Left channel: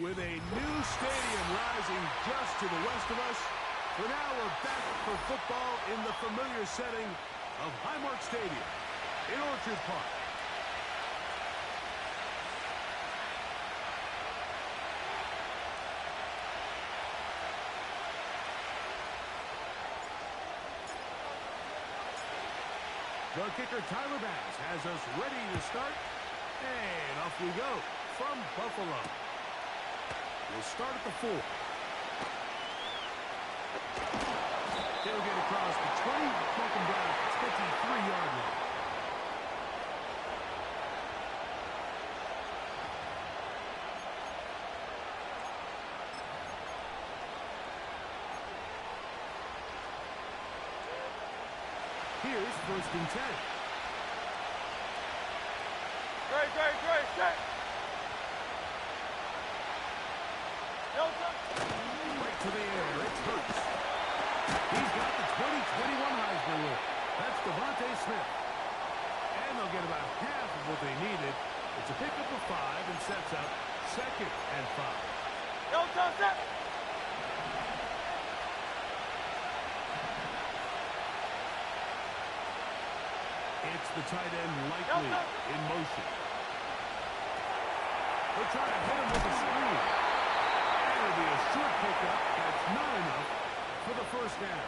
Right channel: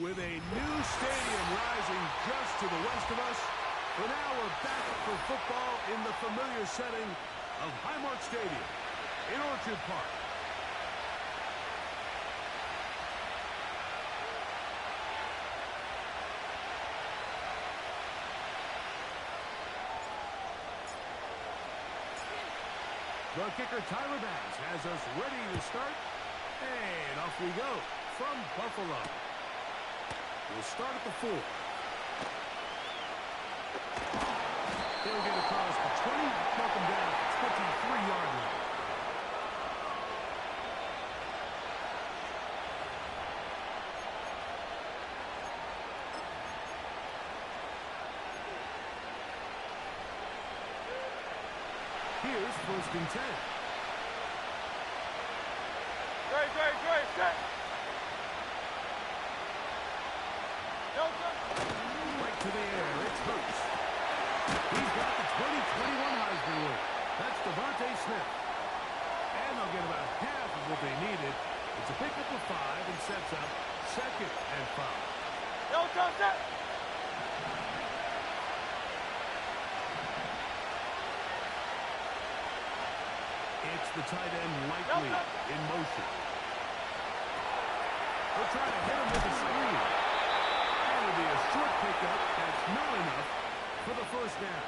With a new stadium rising just to the west of us, for now we're back for football in the familiar setting of Highmark Stadium in Orchard Park. The kicker, Tyler Bass, has us ready to start. And off we go from Buffalo. We'll start at the 4. He'll get across the 20, walk him down at the 23-yard line. Here's 1st and 10. Great, set. Right to the air, it's Hurts. He's got the 2021 Heisman winner. That's Devontae Smith. And they'll get about half of what they needed. It's a pickup of 5 and sets up 2nd and 5. Set. It's the tight end Likely in motion. They'll try to hit him with a screen. And it'll be a short pickup. That's not enough for the 1st down.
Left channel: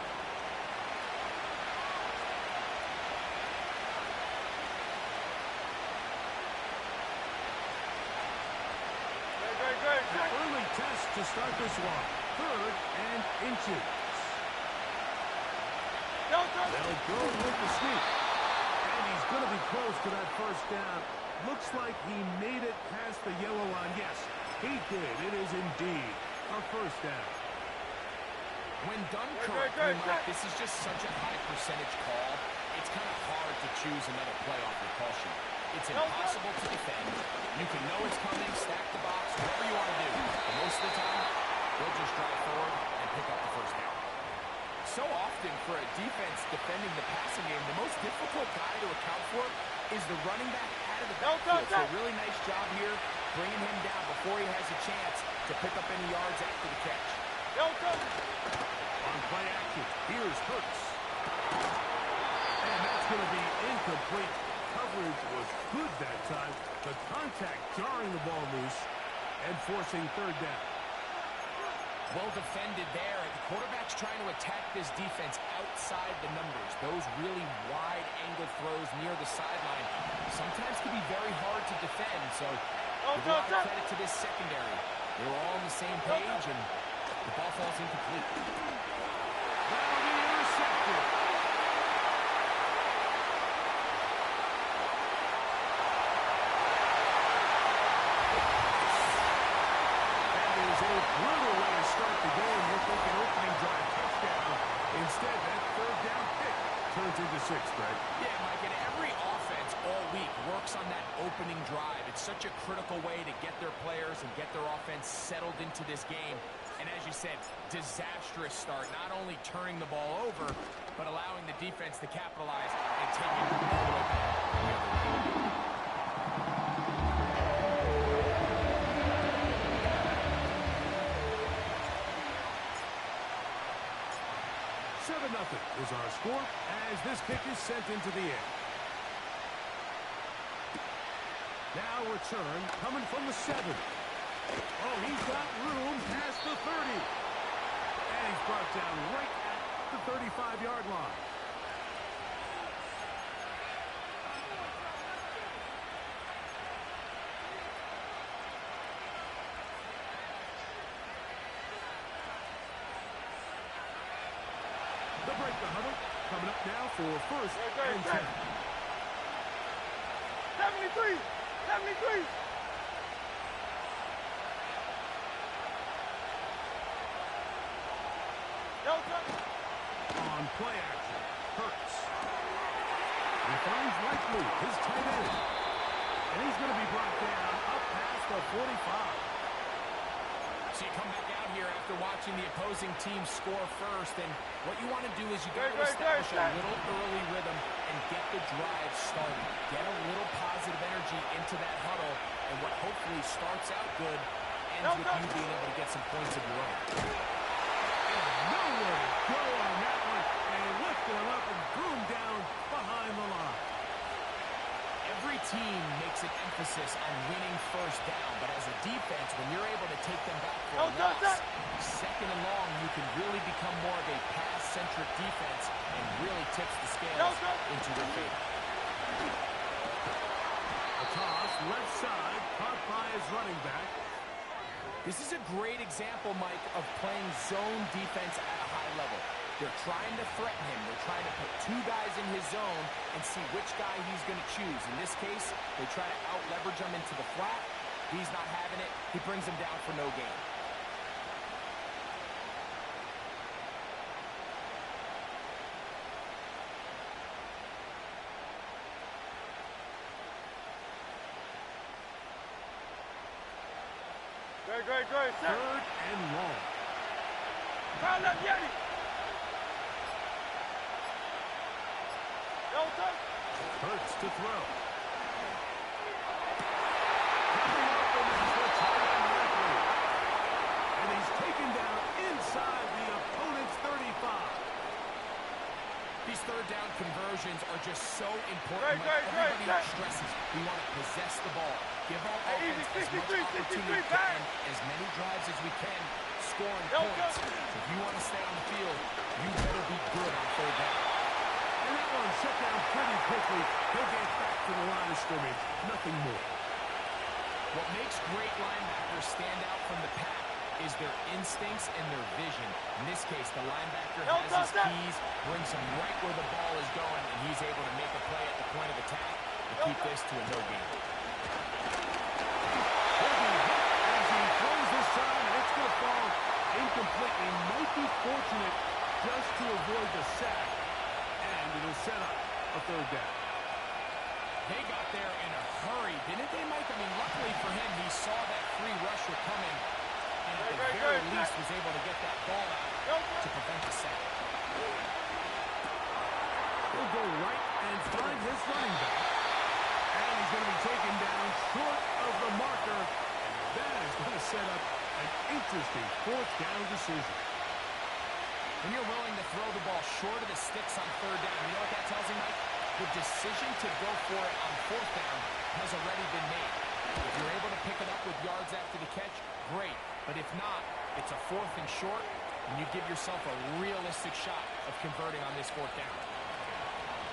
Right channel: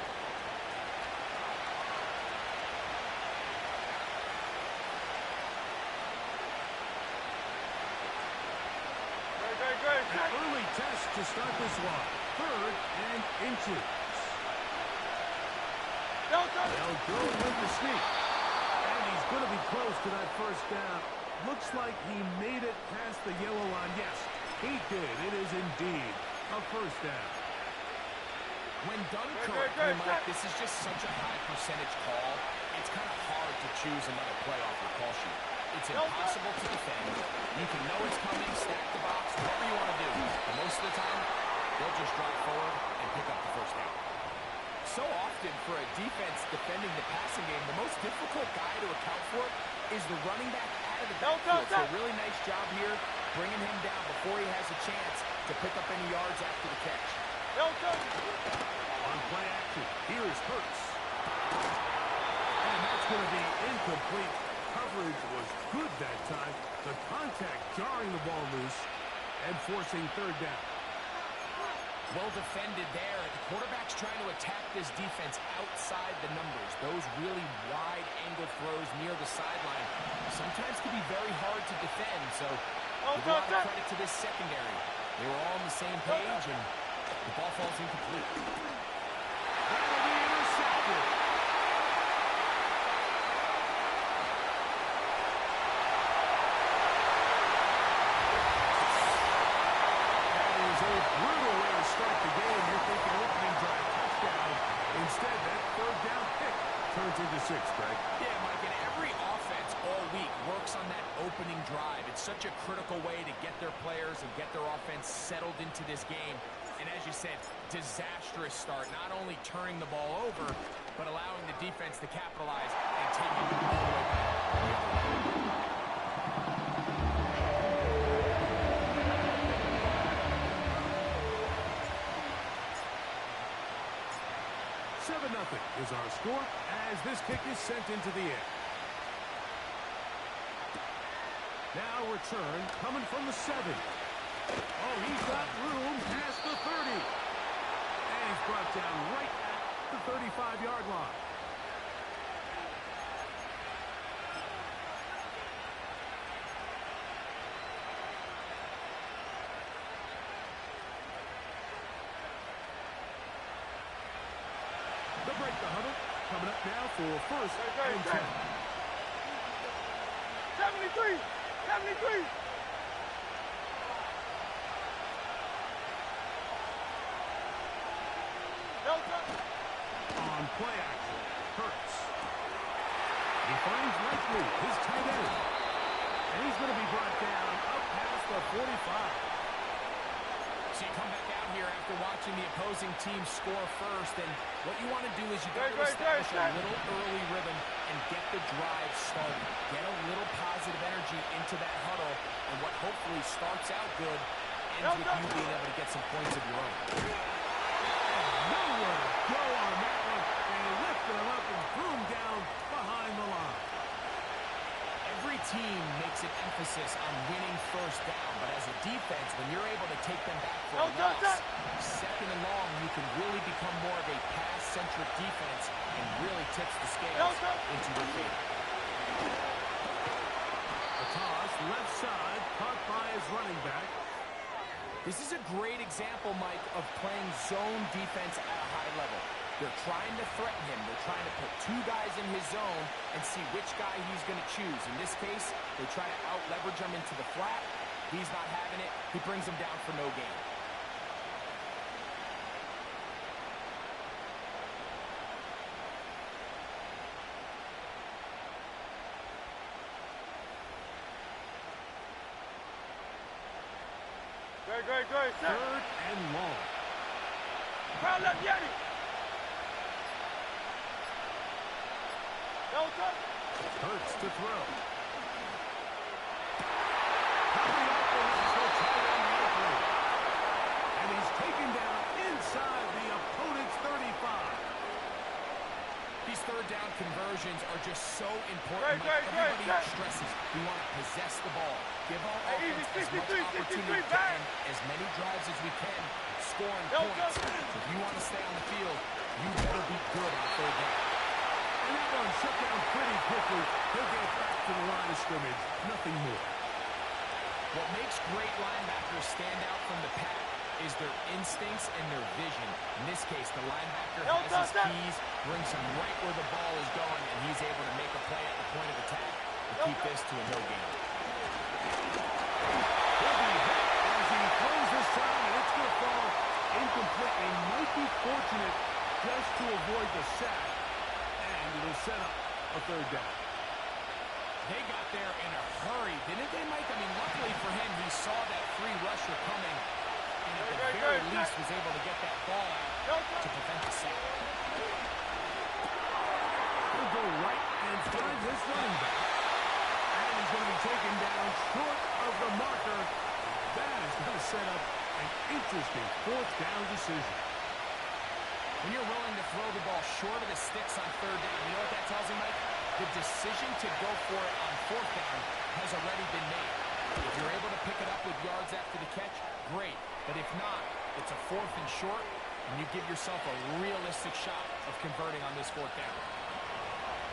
Great. An early test to start this one. 3rd and inches. They'll go with the sneak. And he's going to be close to that 1st down. Looks like he made it past the yellow line. Yes, he did. It is indeed a 1st down. When done correctly, Mike, this is just such a high percentage call. It's kind of hard to choose another play off your call sheet. It's impossible to defend. You can know it's coming, stack the box, whatever you want to do. But most of the time, they'll just drive forward and pick up the 1st down. So often for a defense defending the passing game, the most difficult guy to account for is the running back out of the backfield. So a really nice job here, bringing him down before he has a chance to pick up any yards after the catch. On play action, here's Hurts. And that's going to be incomplete. Coverage was good that time. The contact jarring the ball loose and forcing 3rd down. Well defended there. The quarterback's trying to attack this defense outside the numbers. Those really wide angle throws near the sideline sometimes can be very hard to defend. So give a lot of credit to this secondary. They were all on the same page, and the ball falls incomplete. That'll be intercepted. That is a brutal way to start the game. You're thinking opening drive touchdown. Instead, that 3rd down pick turns into 6, Greg. Yeah, Mike, and every offense all week works on that opening drive. It's such a critical way to get their players and get their offense settled into this game. And as you said, disastrous start, not only turning the ball over, but allowing the defense to capitalize and take it all the way back the other way. 7-0 is our score as this kick is sent into the air. Now return coming from the 7. Oh, he's got room past the 30. And he's brought down right at the 35-yard line. They'll break the huddle. Coming up now for 1st and 10. 73. On play action, Hurts. He finds Likely, his tight end. And he's going to be brought down up past the 45. So you come back out here after watching the opposing team score first, and what you want to do is you got to establish a little early rhythm and get the drive started. Get a little positive energy into that huddle, and what hopefully starts out good ends with you being able to get some points of your own. And nowhere to go on that one. They lifted him up and threw him down behind the line. Every team makes an emphasis on winning first down, but as a defense, when you're able to take them back for a loss, second and long, you can really become more of a pass-centric defense and really tips the scales into your favor. A toss, left side, caught by his running back. This is a great example, Mike, of playing zone defense at a high level. They're trying to threaten him. They're trying to put two guys in his zone and see which guy he's going to choose. In this case, they try to out-leverage him into the flat. He's not having it. He brings him down for no gain. Great. Third and long. Crowd left, Yeti. Delta. Hurts to throw. Coming up, and this is for tight end likely. And he's taken down inside the opponent's 35. These third down conversions are just so important. Everybody stresses we want to possess the ball. Give our offense as much opportunity to end as many drives as we can, scoring points. So if you want to stay on the field, you better be good on third down. And that one shut down pretty quickly. He'll get back to the line of scrimmage. Nothing more. What makes great linebackers stand out from the pack is their instincts and their vision. In this case, the linebacker has his keys, brings him right where the ball is going, and he's able to make a play at the point of attack to keep this to a no gain. He'll be hit as he throws this time, and it's going to fall incomplete. He might be fortunate just to avoid the sack, and it'll set up a third down. They got there in a hurry, didn't they, Mike? I mean, luckily for him, he saw that free rusher coming, and at the very least was able to get that ball out to prevent the sack. He'll go right and find his running back. And he's going to be taken down short of the marker. And that is going to set up an interesting fourth down decision. When you're willing to throw the ball short of the sticks on third down, you know what that tells me, Mike? The decision to go for it on fourth down has already been made. If you're able to pick it up with yards after the catch, great. But if not, it's a fourth and short, and you give yourself a realistic shot of converting on this fourth down.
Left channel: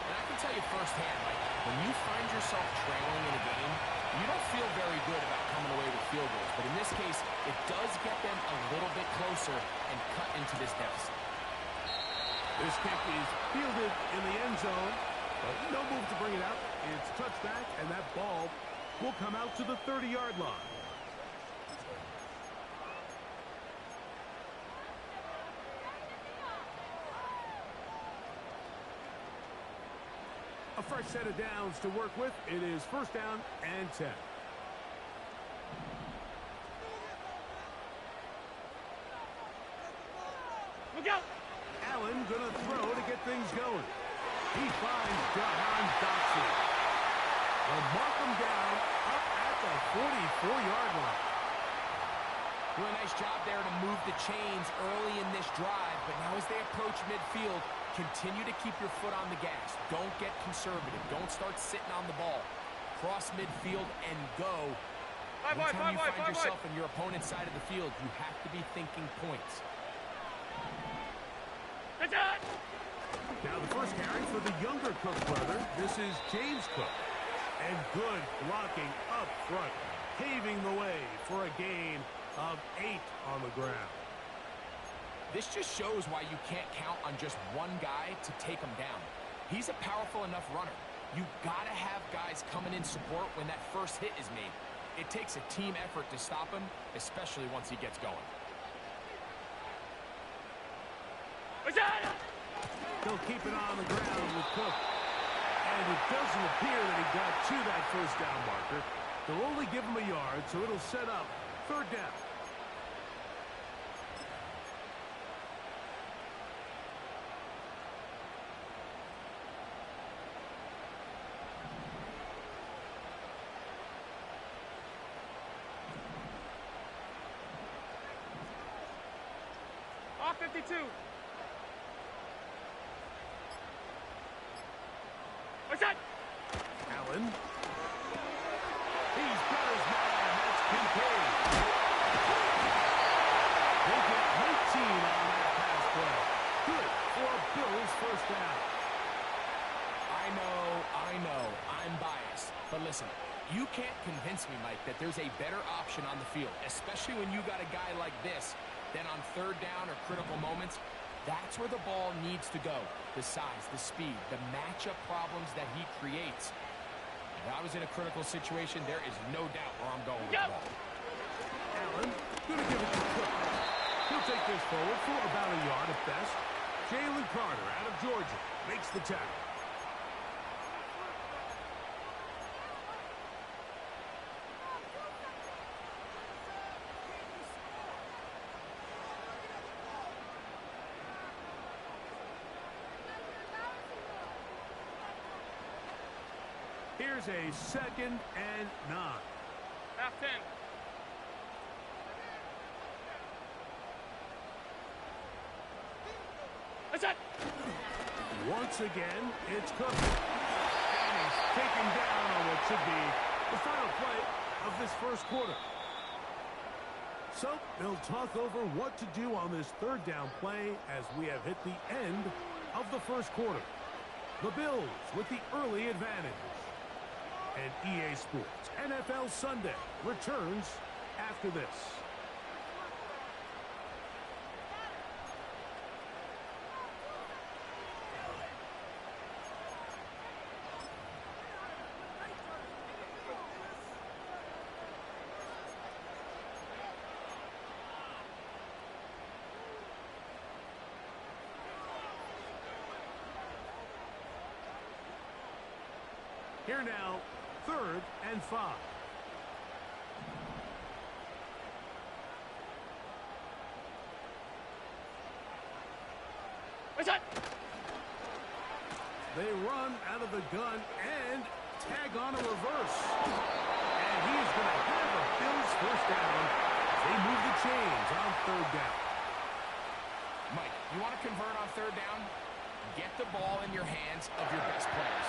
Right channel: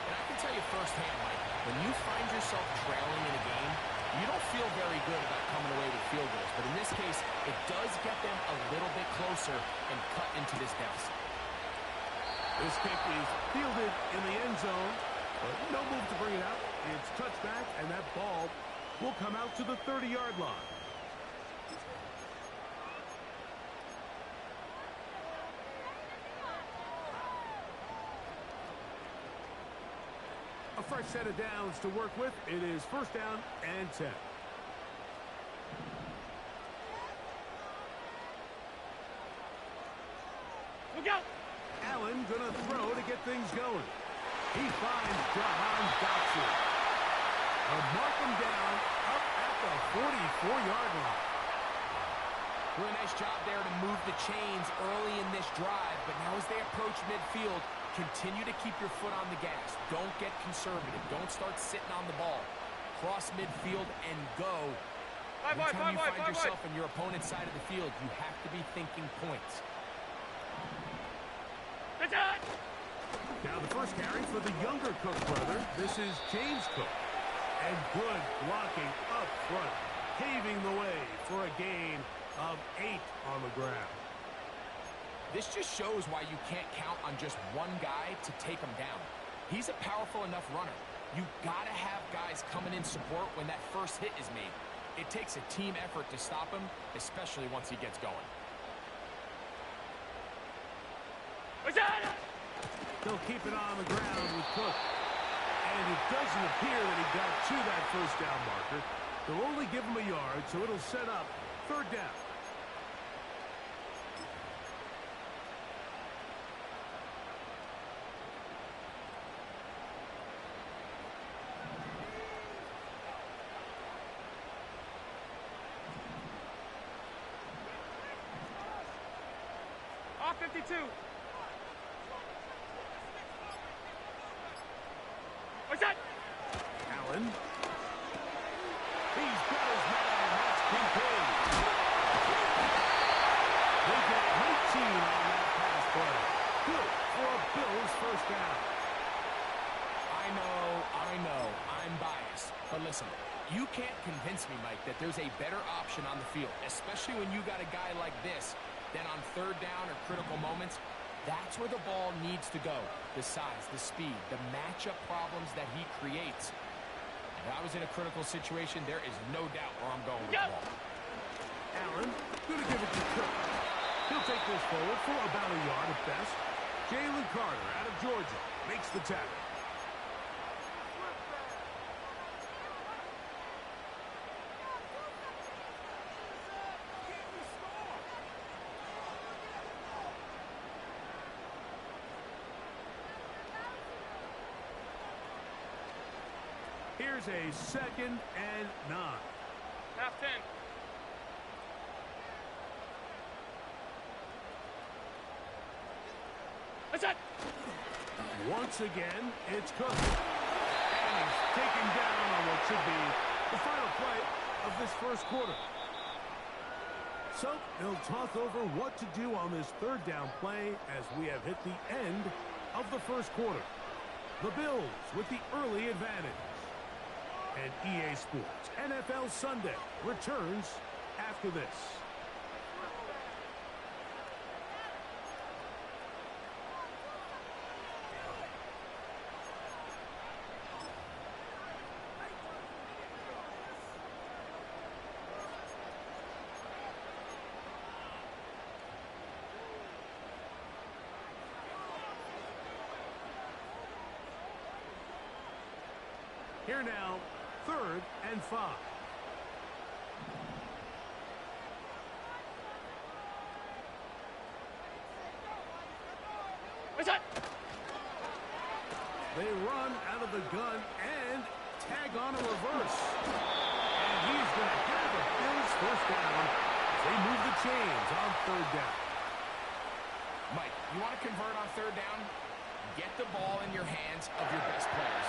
And I can tell you firsthand, Mike, when you find yourself trailing in a game, you don't feel very good about coming away with field goals. But in this case, it does get them a little bit closer and cut into this deficit. This kick is fielded in the end zone, but no move to bring it out. It's touchback, and that ball will come out to the 30-yard line. A fresh set of downs to work with. It is first down and 10. Look out! Allen gonna throw to get things going. He finds Jahan Dotson. They'll mark him down up at the 44-yard line. Really nice job there to move the chains early in this drive, but now as they approach midfield, continue to keep your foot on the gas. Don't get conservative. Don't start sitting on the ball. Cross midfield and go. Anytime you find yourself on your opponent's side of the field, you have to be thinking points. Now the first carry for the younger Cook brother. This is James Cook. And good blocking up front, paving the way for a gain of 8 on the ground. This just shows why you can't count on just one guy to take him down. He's a powerful enough runner. You gotta have guys coming in support when that first hit is made. It takes a team effort to stop him, especially once he gets going. They'll keep it on the ground with Cook. And it doesn't appear that he got to that first down marker. They'll only give him a yard, so it'll set up third down. 52. What's that? Allen. He's got his man. That's Kincaid. They get 19 on that pass play. Good for a Bills first down. I know, I'm biased. But listen, you can't convince me, Mike, that there's a better option on the field, especially when you got a guy like this, than on third down or critical moments. That's where the ball needs to go. The size, the speed, the matchup problems that he creates. If I was in a critical situation, there is no doubt where I'm going with the ball. Allen, gonna give it to Cook. He'll take this forward for about a yard at best. Jalen Carter out of Georgia makes the tackle. Here's a 2nd and 9. Half 10. What's that? Once again, it's Cook. And he's taken down on what should be the final play of this first quarter. So they'll talk over what to do on this third down play as we have hit the end of the first quarter. The Bills with the early advantage. And EA Sports NFL Sunday returns after this. Here now, 3rd and 5. What's that? They run out of the gun and tag on a reverse. And he's going to have a Bills first down as they move the chains on 3rd down. Mike, you want to convert on 3rd down? Get the ball in your hands of your best players.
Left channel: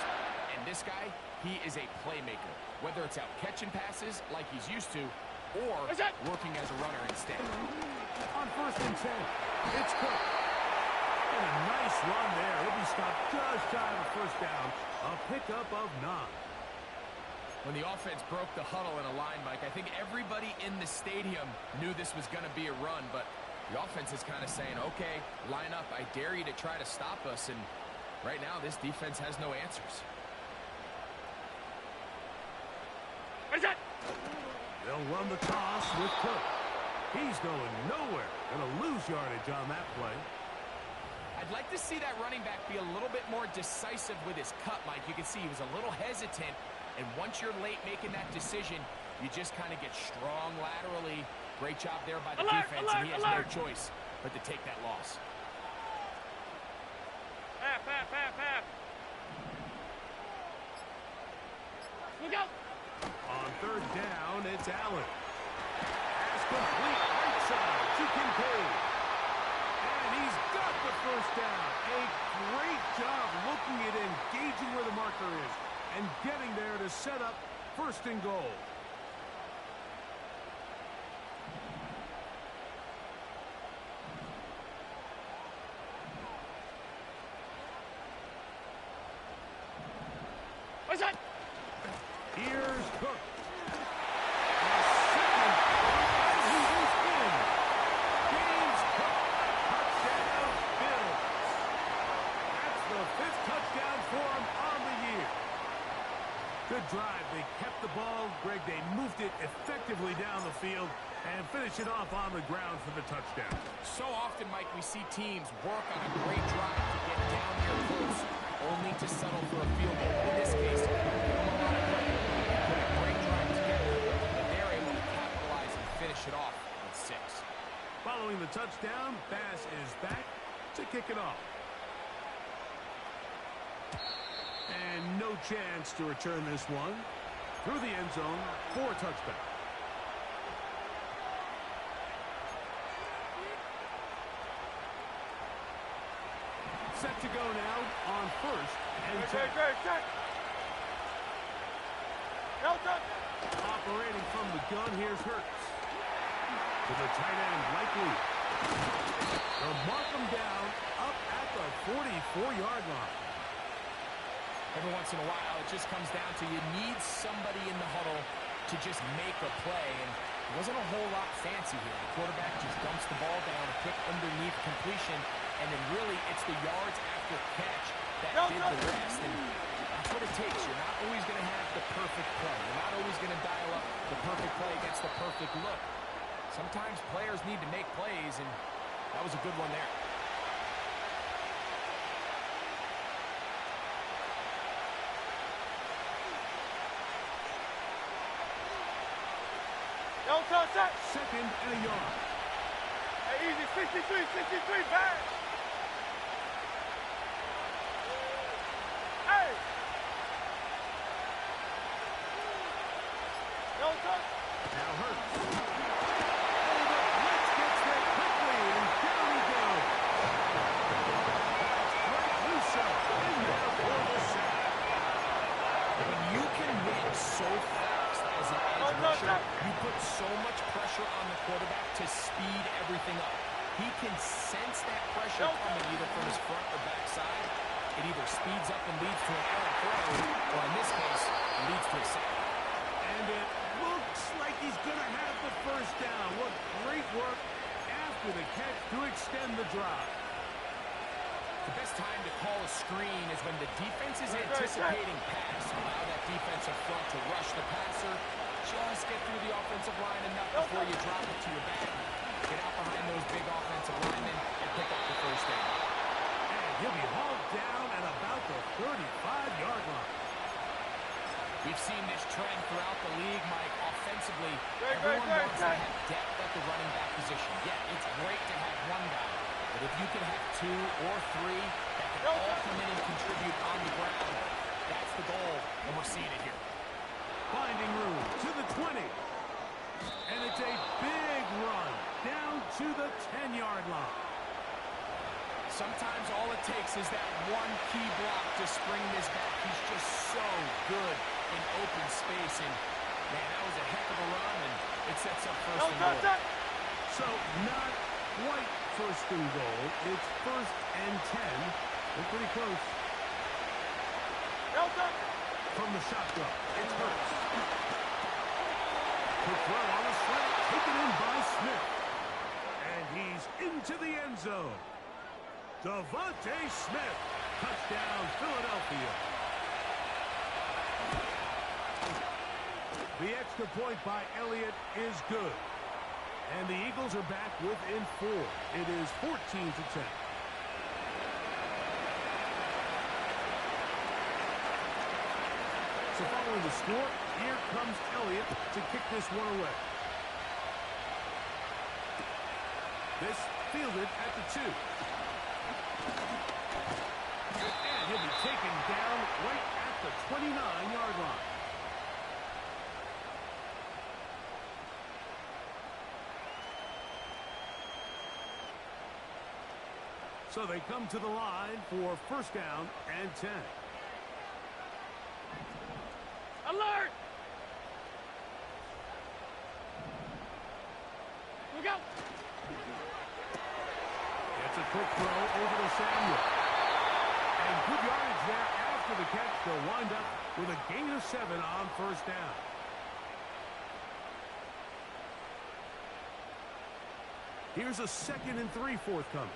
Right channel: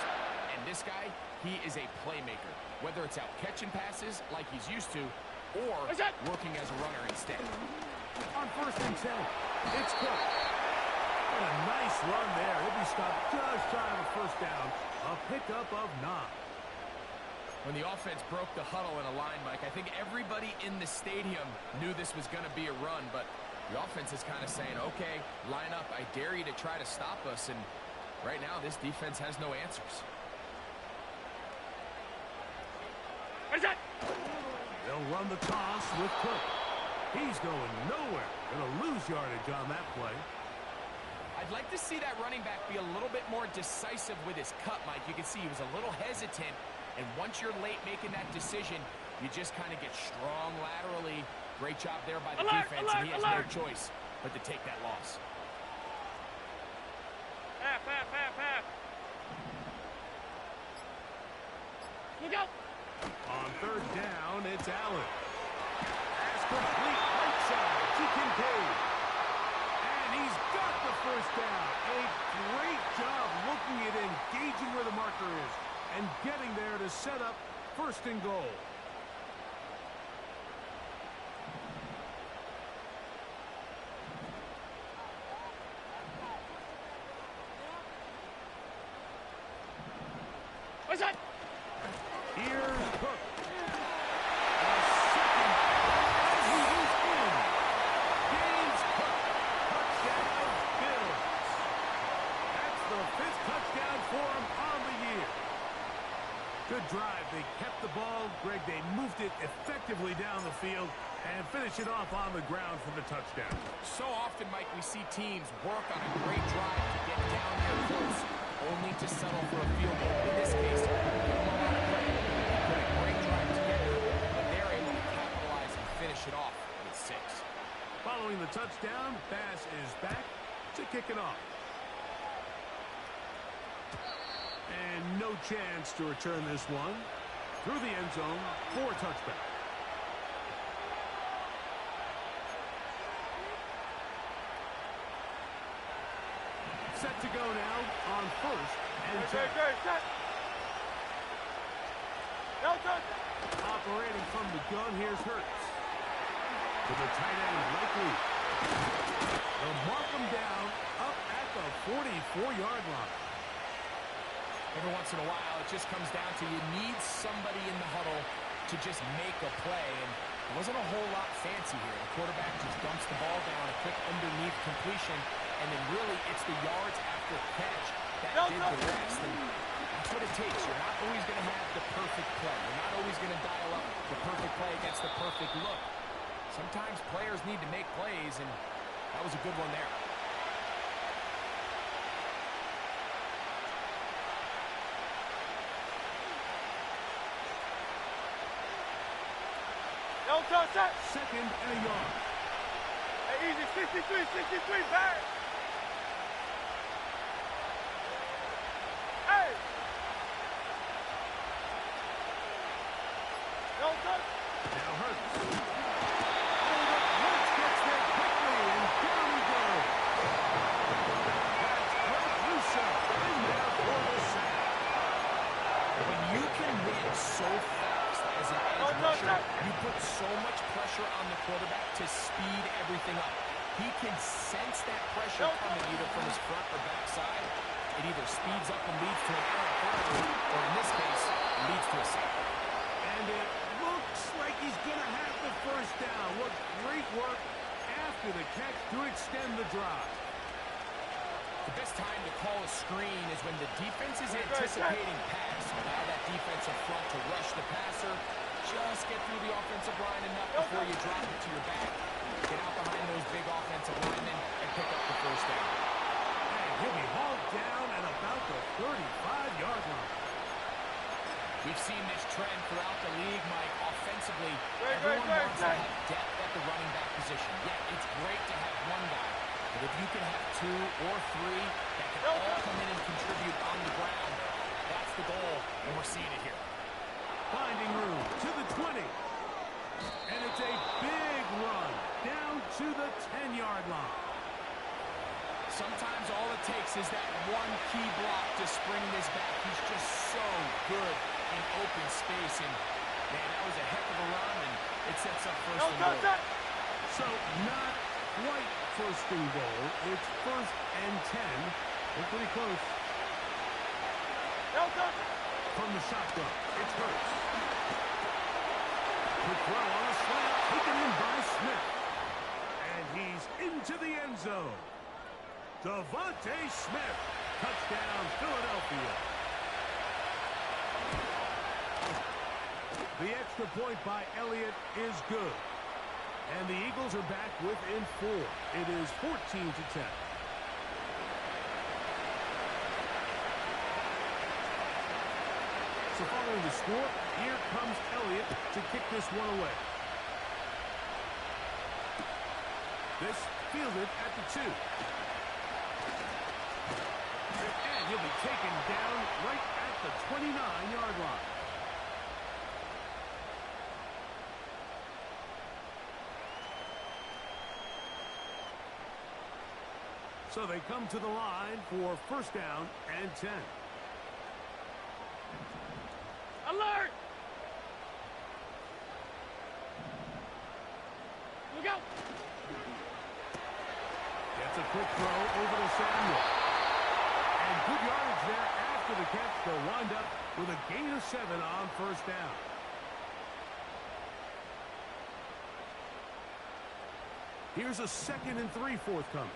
And this guy, he is a playmaker. Whether it's out catching passes like he's used to, or working as a runner instead. On 1st and 10, it's Cook. And a nice run there. He'll be stopped just shy of a first down. A pickup of 9. When the offense broke the huddle in a line, Mike, I think everybody in the stadium knew this was going to be a run, but the offense is kind of saying, okay, line up. I dare you to try to stop us. And right now, this defense has no answers. They'll run the toss with Cook. He's going nowhere. Going to lose yardage on that play. I'd like to see that running back be a little bit more decisive with his cut, Mike. You can see he was a little hesitant, and once you're late making that decision, you just kind of get strong laterally. Great job there by the defense, and he has no choice but to take that loss. Half. Look out! On 3rd down, it's Allen. Pass complete right side to Kincaid. And he's got the first down. A great job looking at engaging where the marker is and getting there to set up 1st and goal. What's that? Here's Cook. A 2nd and he is in. James Cook. Touchdown, Bills. That's the 5th touchdown for him on the year. Good drive. They kept the ball. Greg, they moved it effectively down the field and finish it off on the ground for the touchdown. So often, Mike, we see teams work on a great drive to get down there close, only to settle for a field goal. In this case, give them a lot of credit. They put a great drive together, but they're able to capitalize and finish it off with 6. Following the touchdown, Bass is back to kick it off. And no chance to return this one through the end zone for a touchback. now on first and 10. Operating from the gun, here's Hurts. To the tight end, likely. They'll mark him down up at the 44-yard line. Every once in a while, it just comes down to you need somebody in the huddle to just make a play, and it wasn't a whole lot fancy here. The quarterback just dumps the ball down, a quick underneath completion, and then really it's the yards after catch that did the rest, and that's what it takes. You're not always going to have the perfect play. You're not always going to dial up the perfect play against the perfect look. Sometimes players need to make plays, and that was a good one there. Second and a yard. Hey, easy, 63, back. Hey. No touch. Now Hurts. Hold up, Blitz gets there quickly, and down he goes. That's Greg Russo in there for the sack. When you can win so fast as an edge rusher, you put so much pressure on the quarterback to speed everything up. He can sense that pressure coming either from his front or back side. It either speeds up and leads to an errant throw, or in this case, leads to a sack. And it looks like he's going to have the first down. What great work after the catch to extend the drive. The best time to call a screen is when the defense is anticipating pass. Allow that defensive front to rush the passer. Just get through the offensive line enough before you drop it to your back. Get out behind those big offensive linemen and pick up the first down. And he'll be hauled down at about the 35-yard line. We've seen this trend throughout the league, Mike. Offensively, everyone wants to have depth at the running back position. Yeah, it's great to have one guy. But if you can have two or three that can all come in and contribute on the ground, that's the goal, and we're seeing it here. Finding room to the 20. And it's a big run down to the 10-yard line. Sometimes all it takes is that one key block to spring this back. He's just so good in open space, and, man, that was a heck of a run, and it sets up first and goal. So not quite first and goal. It's first and 10. We're pretty close. From the shotgun, it's Hurts. Quick throw on the slant, taken in by Smith. And he's into the end zone. Devontae Smith. Touchdown, Philadelphia. The extra point by Elliott is good. And the Eagles are back within 4. It is 14-10. So following the score, here comes Elliott to kick this one away. This fielded at the 2. And he'll be taken down right at the 29-yard line. So they come to the line for first down and 10. Alert! Look out! Gets a quick throw over to Samuel. And good yardage there after the catch. They'll wind up with a gain of 7 on first down. Here's a 2nd and 3 forthcoming.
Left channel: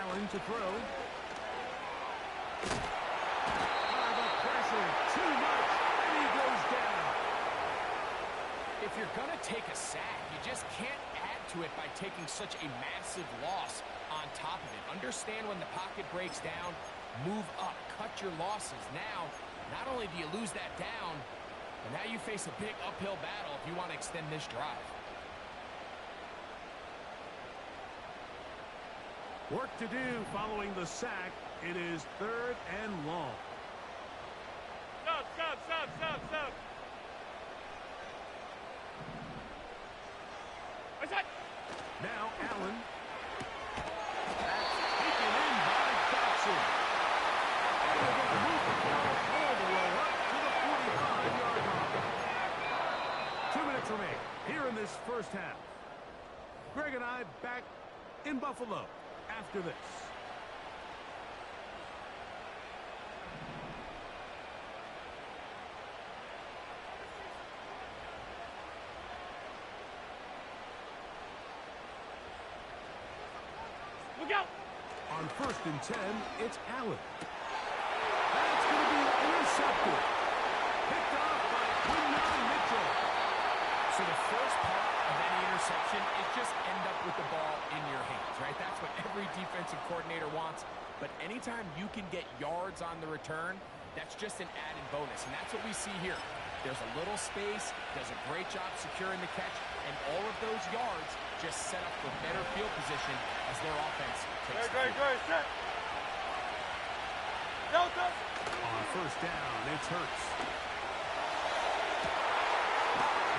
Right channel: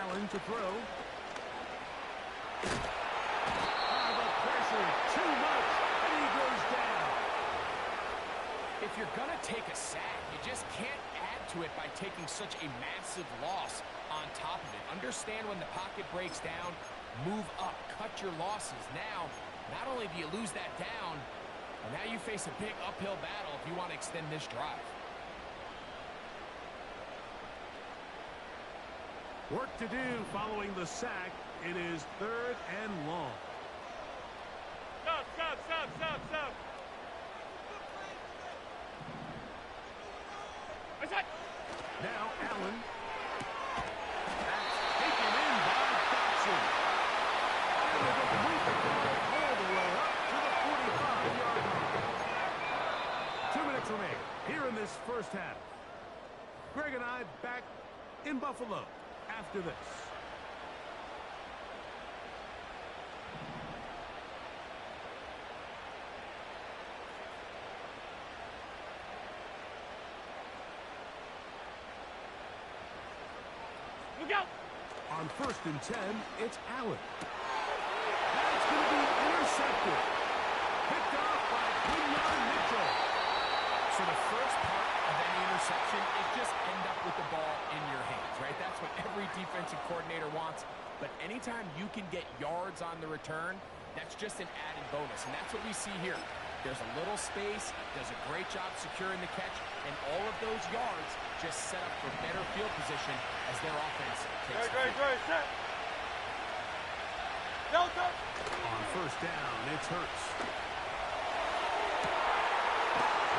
Allen to throw. The pressure, too much, and he goes down. If you're going to take a sack, you just can't add to it by taking such a massive loss on top of it. Understand when the pocket breaks down, move up, cut your losses. Now, not only do you lose that down, but now you face a big uphill battle if you want to extend this drive. Work to do following the sack. It is 3rd and long. Stop. Now Allen. That's taken in by Dotson. And they're going to move the ball all the way up to the 45-yard line. 2 minutes remain here in this first half. Greg and I back in Buffalo after this. Look out! On 1st and 10, it's Allen. That's going to be intercepted. Picked off by Quinyon Mitchell. So the first part of any interception is just end up with the ball in your hands, right? That's what every defensive coordinator wants. But anytime you can get yards on the return, that's just an added bonus. And that's what we see here. There's a little space, does a great job securing the catch, and all of those yards just set up for better field position as their offense takes the field. Great, set. Delta. On 1st down, it's Hurts.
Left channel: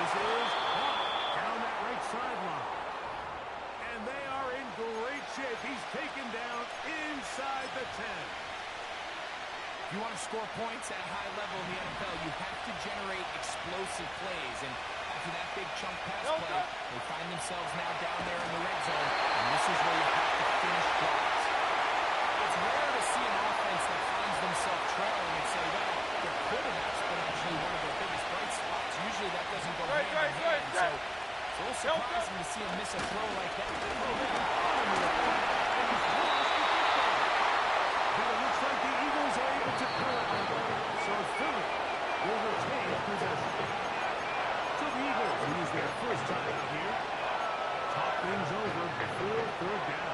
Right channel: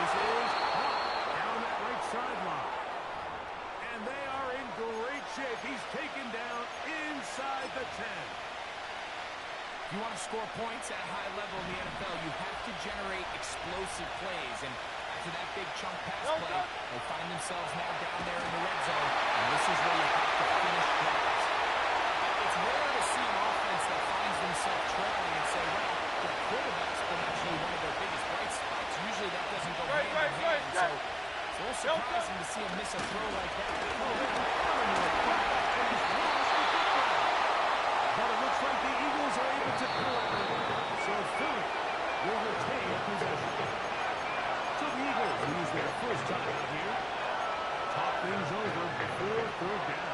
This is caught down that right sideline. And they are in great shape. He's taken down inside the 10. If you want to score points at a high level in the NFL, you have to generate explosive plays. And after that big chunk pass play, they find themselves now down there in the red zone. And this is where you have to finish drives. It's rare to see an offense that finds themselves trailing and say, well, their quarterback's been actually one of their biggest bright spots. Usually that doesn't go hand in hand. So it's a little surprising to see him miss a throw like that. And he's lost the football. But it looks like the Eagles are able to corral it. So Philly will retain possession. So the Eagles use their first time out here. Talk things over before 3rd down.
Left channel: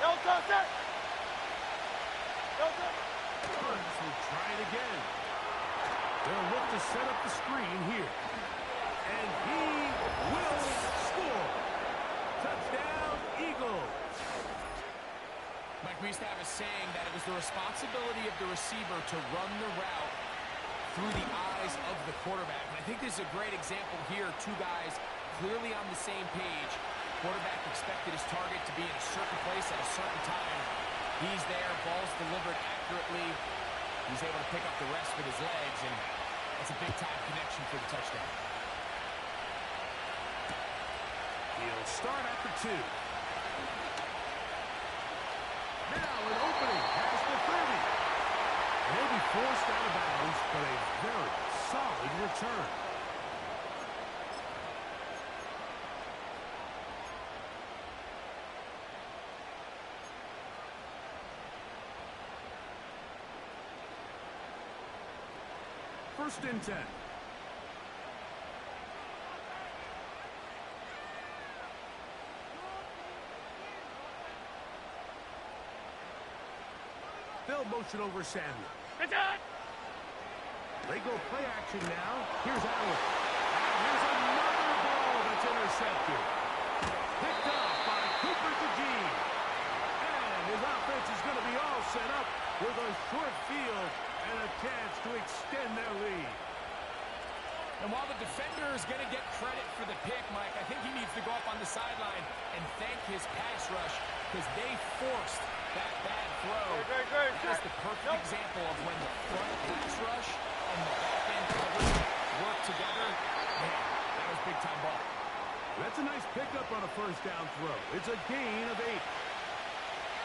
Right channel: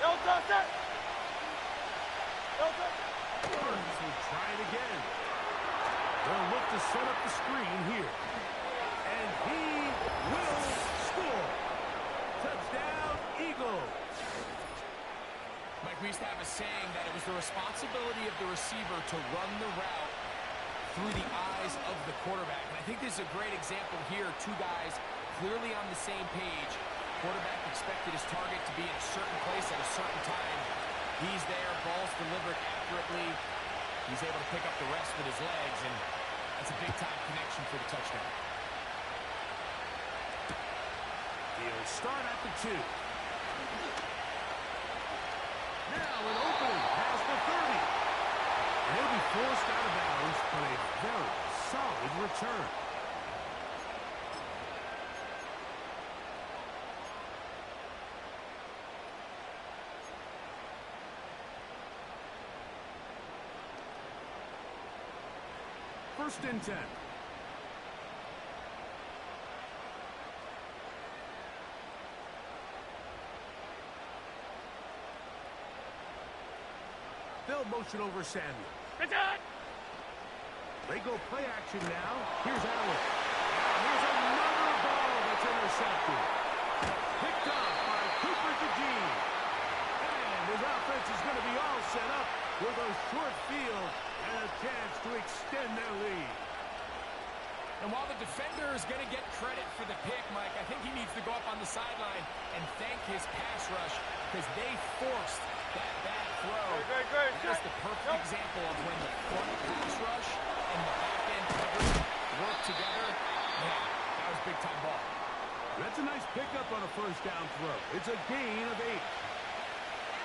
Delta, set. Delta. Burns will try it again. They'll look to set up the screen here. And he will score. Touchdown, Eagles. Mike, we used to have a saying that it was the responsibility of the receiver to run the route through the eyes of the quarterback. And I think this is a great example here. Two guys clearly on the same page. Quarterback expected his target to be in a certain place at a certain time. He's there, ball's delivered accurately. He's able to pick up the rest with his legs, and that's a big-time connection for the touchdown. He'll start at the 2. Now an opening past the 30. And he'll be forced out of bounds, but a very solid return. First and 10. They'll motion over Samuel. They go play action now. Here's Allen. And here's another ball that's intercepted. Picked up by Cooper DeJean. And his offense is going to be all set up with a short field and a chance to extend their lead. And while the defender is going to get credit for the pick, Mike, I think he needs to go up on the sideline and thank his pass rush because they forced that bad throw. That is the perfect example of when the front pass rush and the back end coverage work together. Man, that was big-time ball. That's a nice pickup on a first down throw. It's a gain of 8.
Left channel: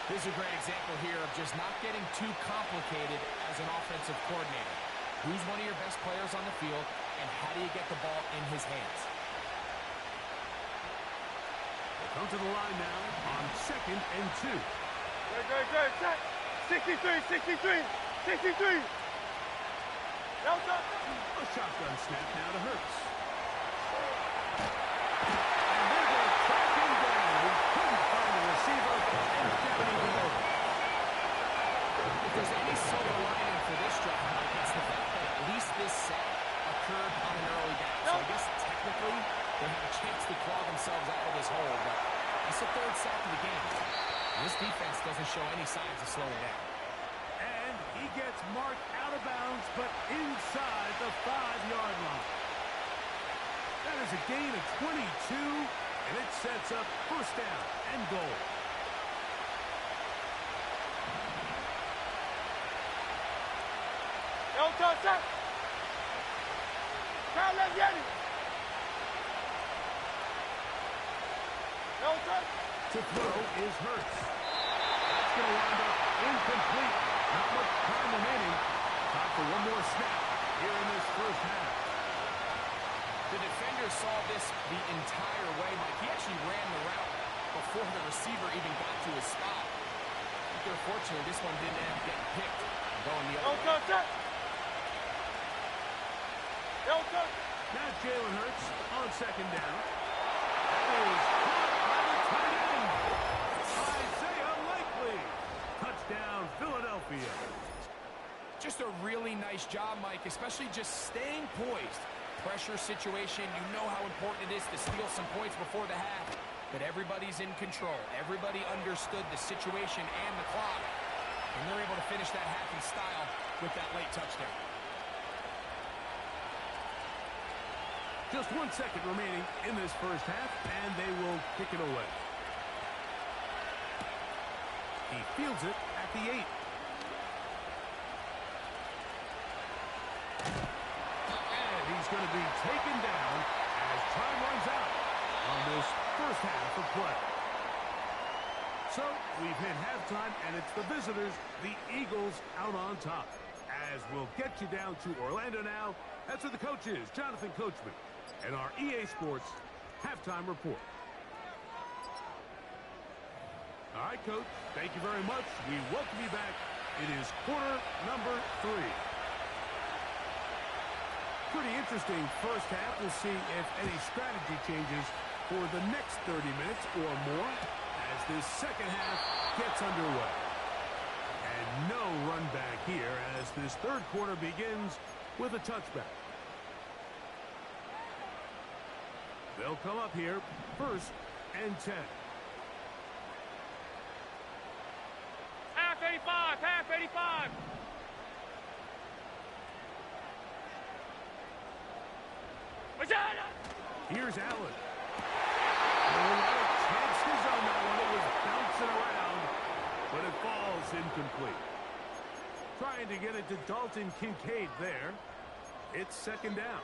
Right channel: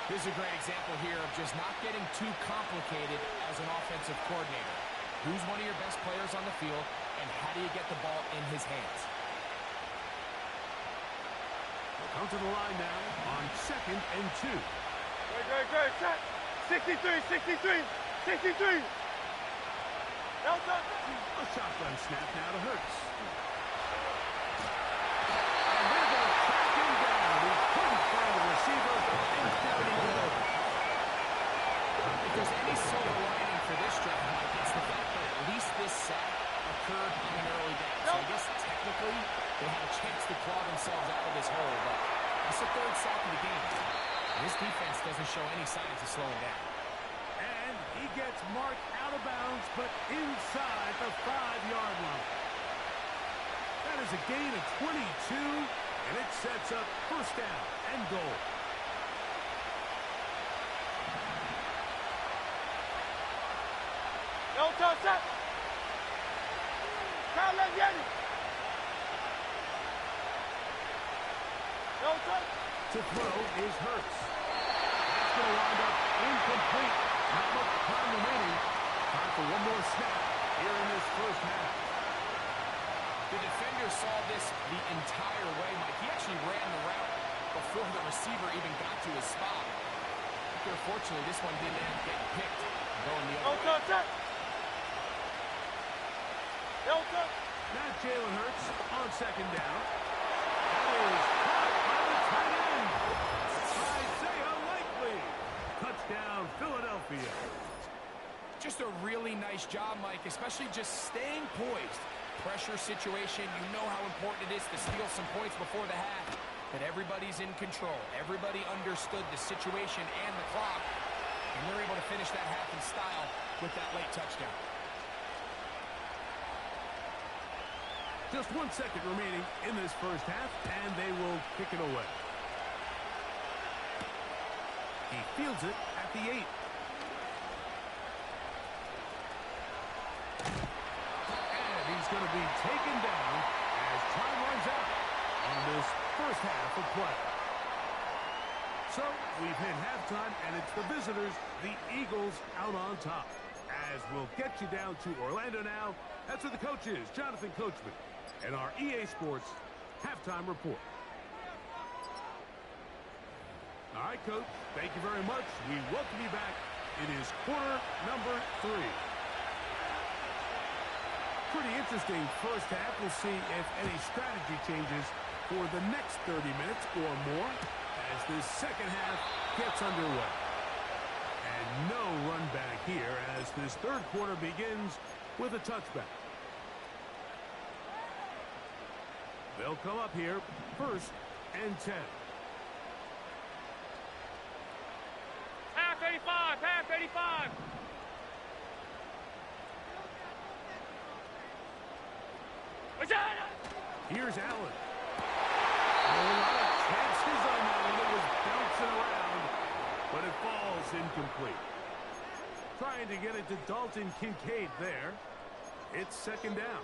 This is a great example here of just not getting too complicated as an offensive coordinator. Who's one of your best players on the field, and how do you get the ball in his hands? We'll come to the line now on 2nd and 2. Great, set. 63. Delta. A shotgun snap now to Hurts. And they're going to track him down. He couldn't find a receiver, and down he goes. If there's any silver lining for this drive, Mike, it's the fact that at least this sack occurred on an early down. So I guess technically they have a chance to could claw themselves out of this hole, but that's the third sack of the game. This defense doesn't show any signs of slowing down. And he gets marked out of bounds, but inside the 5-yard line. That is a gain of 22, and it sets up first down and goal. No touch, set. Try left, Yeti. No touch. To throw is Hurts. That's going to wind up incomplete. Not much time remaining. Time for one more snap here in this first half. The defender saw this the entire way, Mike. He actually ran the route before the receiver even got to his spot. Unfortunately, this one didn't end up getting picked and going the other way. No touch, set. No touch. Now Jalen Hurts on second down. That is caught by the tight end. Isaiah Likely. Touchdown, Philadelphia. Just a really nice job, Mike, especially just staying poised. Pressure situation, you know how important it is to steal some points before the half. But everybody's in control. Everybody understood the situation and the clock. And they're able to finish that half in style with that late touchdown. Just 1 second remaining in this first half, and they will kick it away. He fields it at the 8. And he's going to be taken down as time runs out on this first half of play. So we've hit halftime, and it's the visitors, the Eagles, out on top. As we'll get you down to Orlando now, that's where the coach is, Jonathan Coachman, and our EA Sports halftime report. All right, Coach, thank you very much. We welcome you back. It is quarter number 3. Pretty interesting first half. We'll see if any strategy changes for the next 30 minutes or more as this second half gets underway. And no run back here as this third quarter begins with a touchback. They'll come up here, 1st and 10. Half 85, half 85. What's that? Here's Allen. A lot of chances on that one. It was bouncing around, but it falls incomplete. Trying to get it to Dalton Kincaid there. It's second down.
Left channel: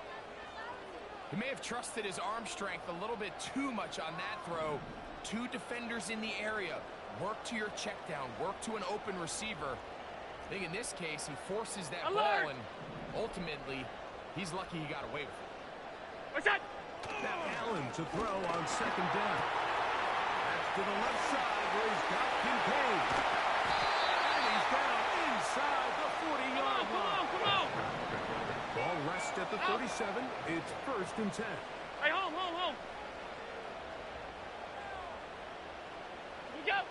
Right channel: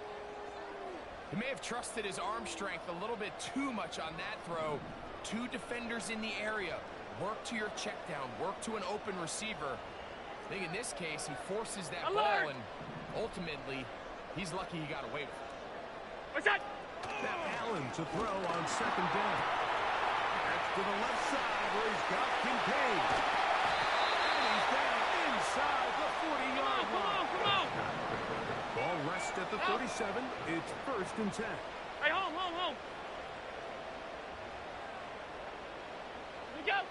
He may have trusted his arm strength a little bit too much on that throw. 2 defenders in the area. Work to your check down. Work to an open receiver. I think in this case, he forces that ball, and ultimately, he's lucky he got away with it. What's that? Now Allen to throw on second down. That's to the left side where he's got Kincaid. And he's down inside the 40-yard line. Come on. Ball rests at the 37. It's 1st and 10. Hey, home. Here we go.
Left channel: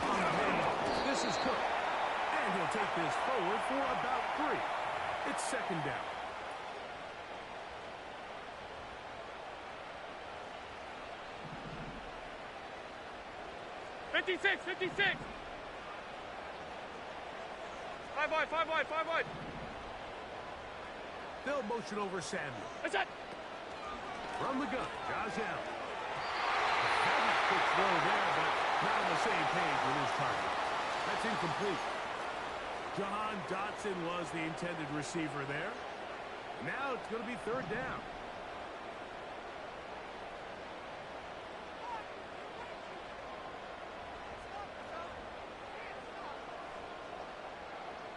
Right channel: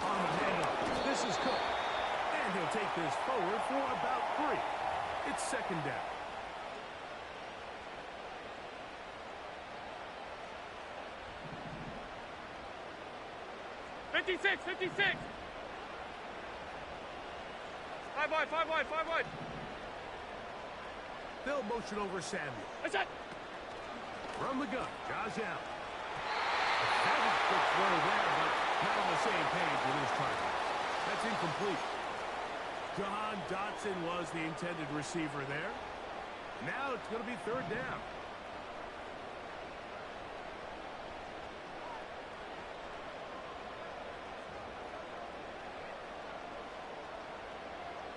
On the handoff, this is Cook. And he'll take this forward for about 3. It's second down. Fifty-six. 5 wide. They'll motion over Samuel. What's that? From the gun, Josh Allen. A very quick throw there, but not on the same page with his target. That's incomplete. Jahan Dotson was the intended receiver there. Now it's going to be 3rd down.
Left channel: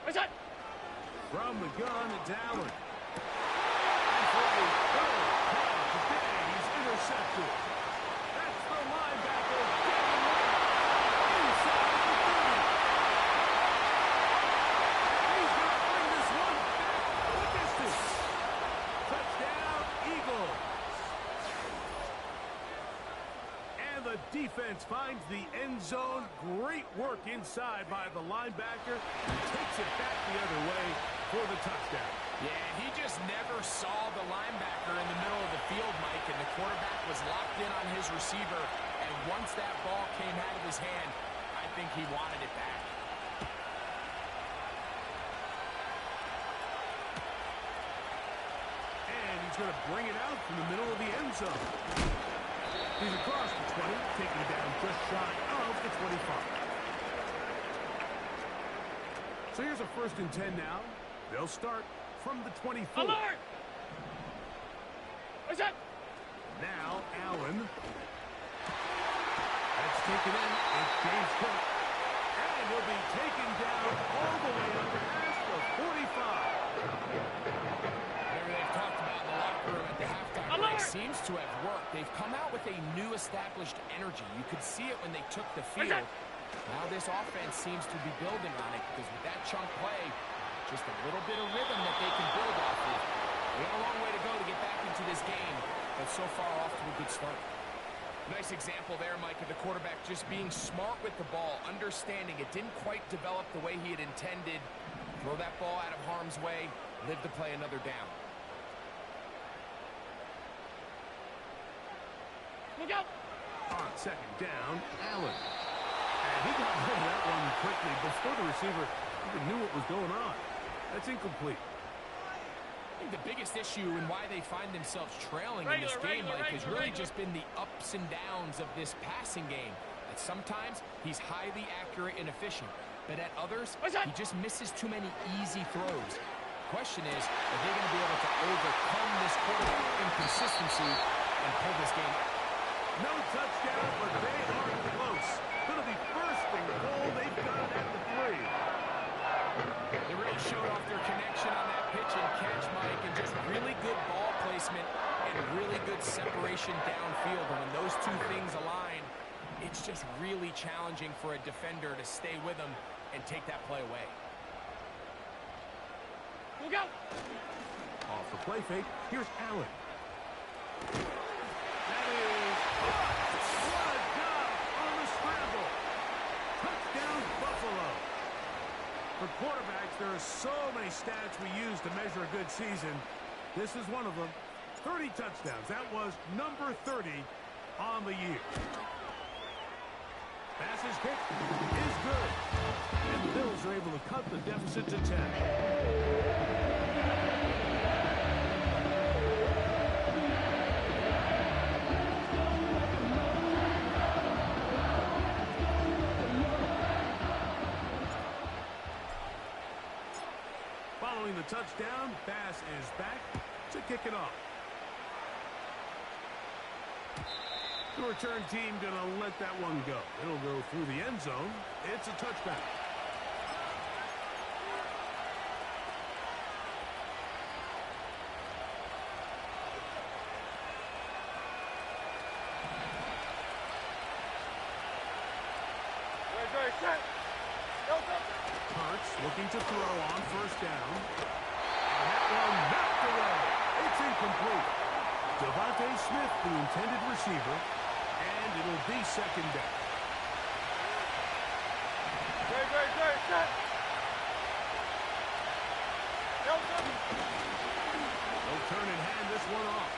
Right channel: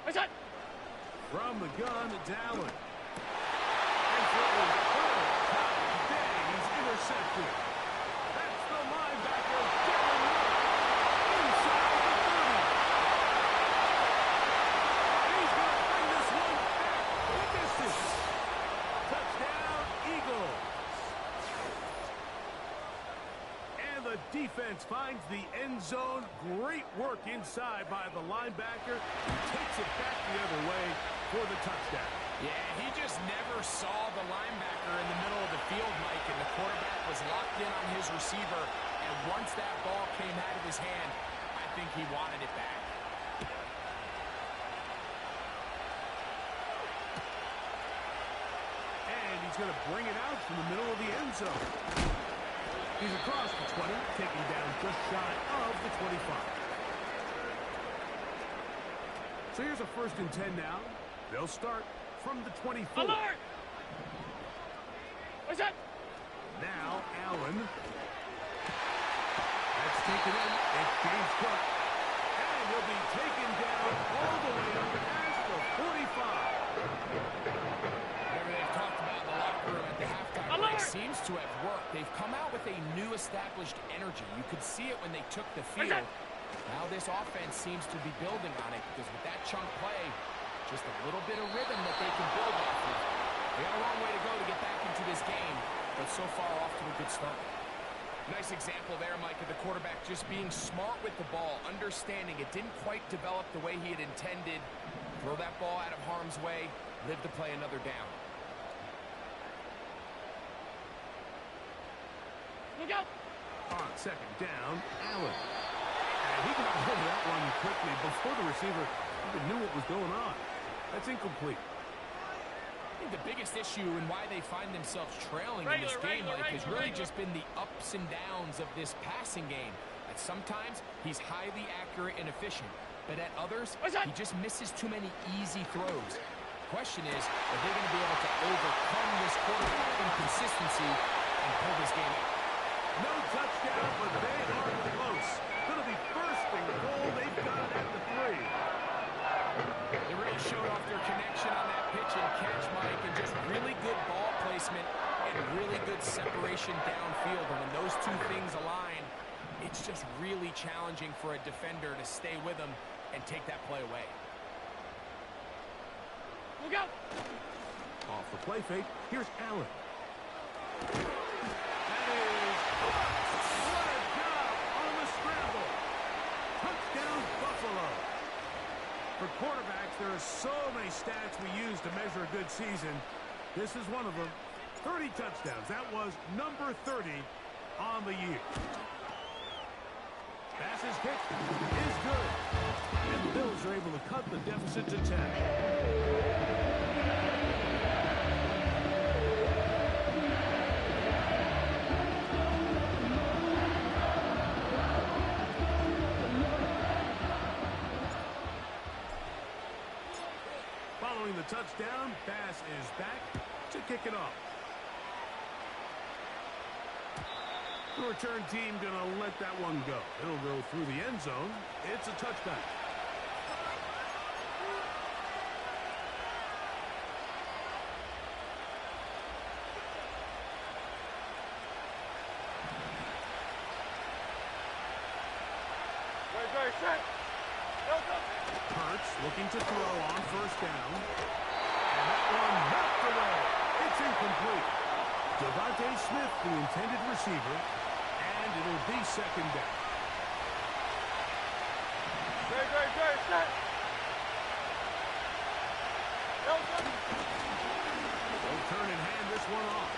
What's that? From the gun, it's Allen. And for a 3rd time today, he's intercepted. That's the linebacker, Devin White, inside the 30. And he's going to bring this one back the distance. Touchdown, Eagles. And the defense finds the end zone. Great work inside by the linebacker. He takes it back the other way for the touchdown. Yeah, he just never saw the linebacker in the middle of the field, Mike, and the quarterback was locked in on his receiver, and once that ball came out of his hand, I think he wanted it back. And he's going to bring it out from the middle of the end zone. He's across the 20, taking down just shy of the 25. So here's a 1st and 10 now. They'll start from the 24. Alert! What's that? Now Allen. That's taken in. It's James Cook. And he'll be taken down all the way up past the 45. Whatever they've talked about in the locker room at the halftime break seems to have worked. They've come out with a new established energy. You could see it when they took the field. Now this offense seems to be building on it because with that chunk play, just a little bit of rhythm that they can build off of. They got a long way to go to get back into this game, but so far off to a good start. Nice example there, Mike, of the quarterback just being smart with the ball, understanding it didn't quite develop the way he had intended. Throw that ball out of harm's way, live to play another down. Look out! On 2nd down, Allen. And he got rid of that one quickly before the receiver even knew what was going on. That's incomplete. I think the biggest issue and why they find themselves trailing in this game, Mike, has really just been the ups and downs of this passing game. At sometimes, he's highly accurate and efficient, but at others, he just misses too many easy throws. Question is, are they going to be able to overcome this quarterback inconsistency and pull this game out? No touchdown, but they are close. Going to be 1st and goal. They've got it at the 3. They really showed off their connection on that pitch and catch, Mike, and just really good ball placement and really good separation downfield. And when those two things align, it's just really challenging for a defender to stay with them and take that play away. Look out! Off the play fake, here's Allen. That is what a job on the scramble. Touchdown, Buffalo. For quarterbacks, there are so many stats we use to measure a good season. This is one of them. 30 touchdowns. That was number 30 on the year. Pass's kick is good. And the Bills are able to cut the deficit to 10. Following the touchdown, Bass is back to kick it off. The return team going to let that one go. It'll go through the end zone. It's a touchback. Set. Hurts looking to throw on 1st down. And that one knocked away. It's incomplete. Devontae Smith, the intended receiver, and it'll be 2nd down. Set. They'll turn and hand this one off.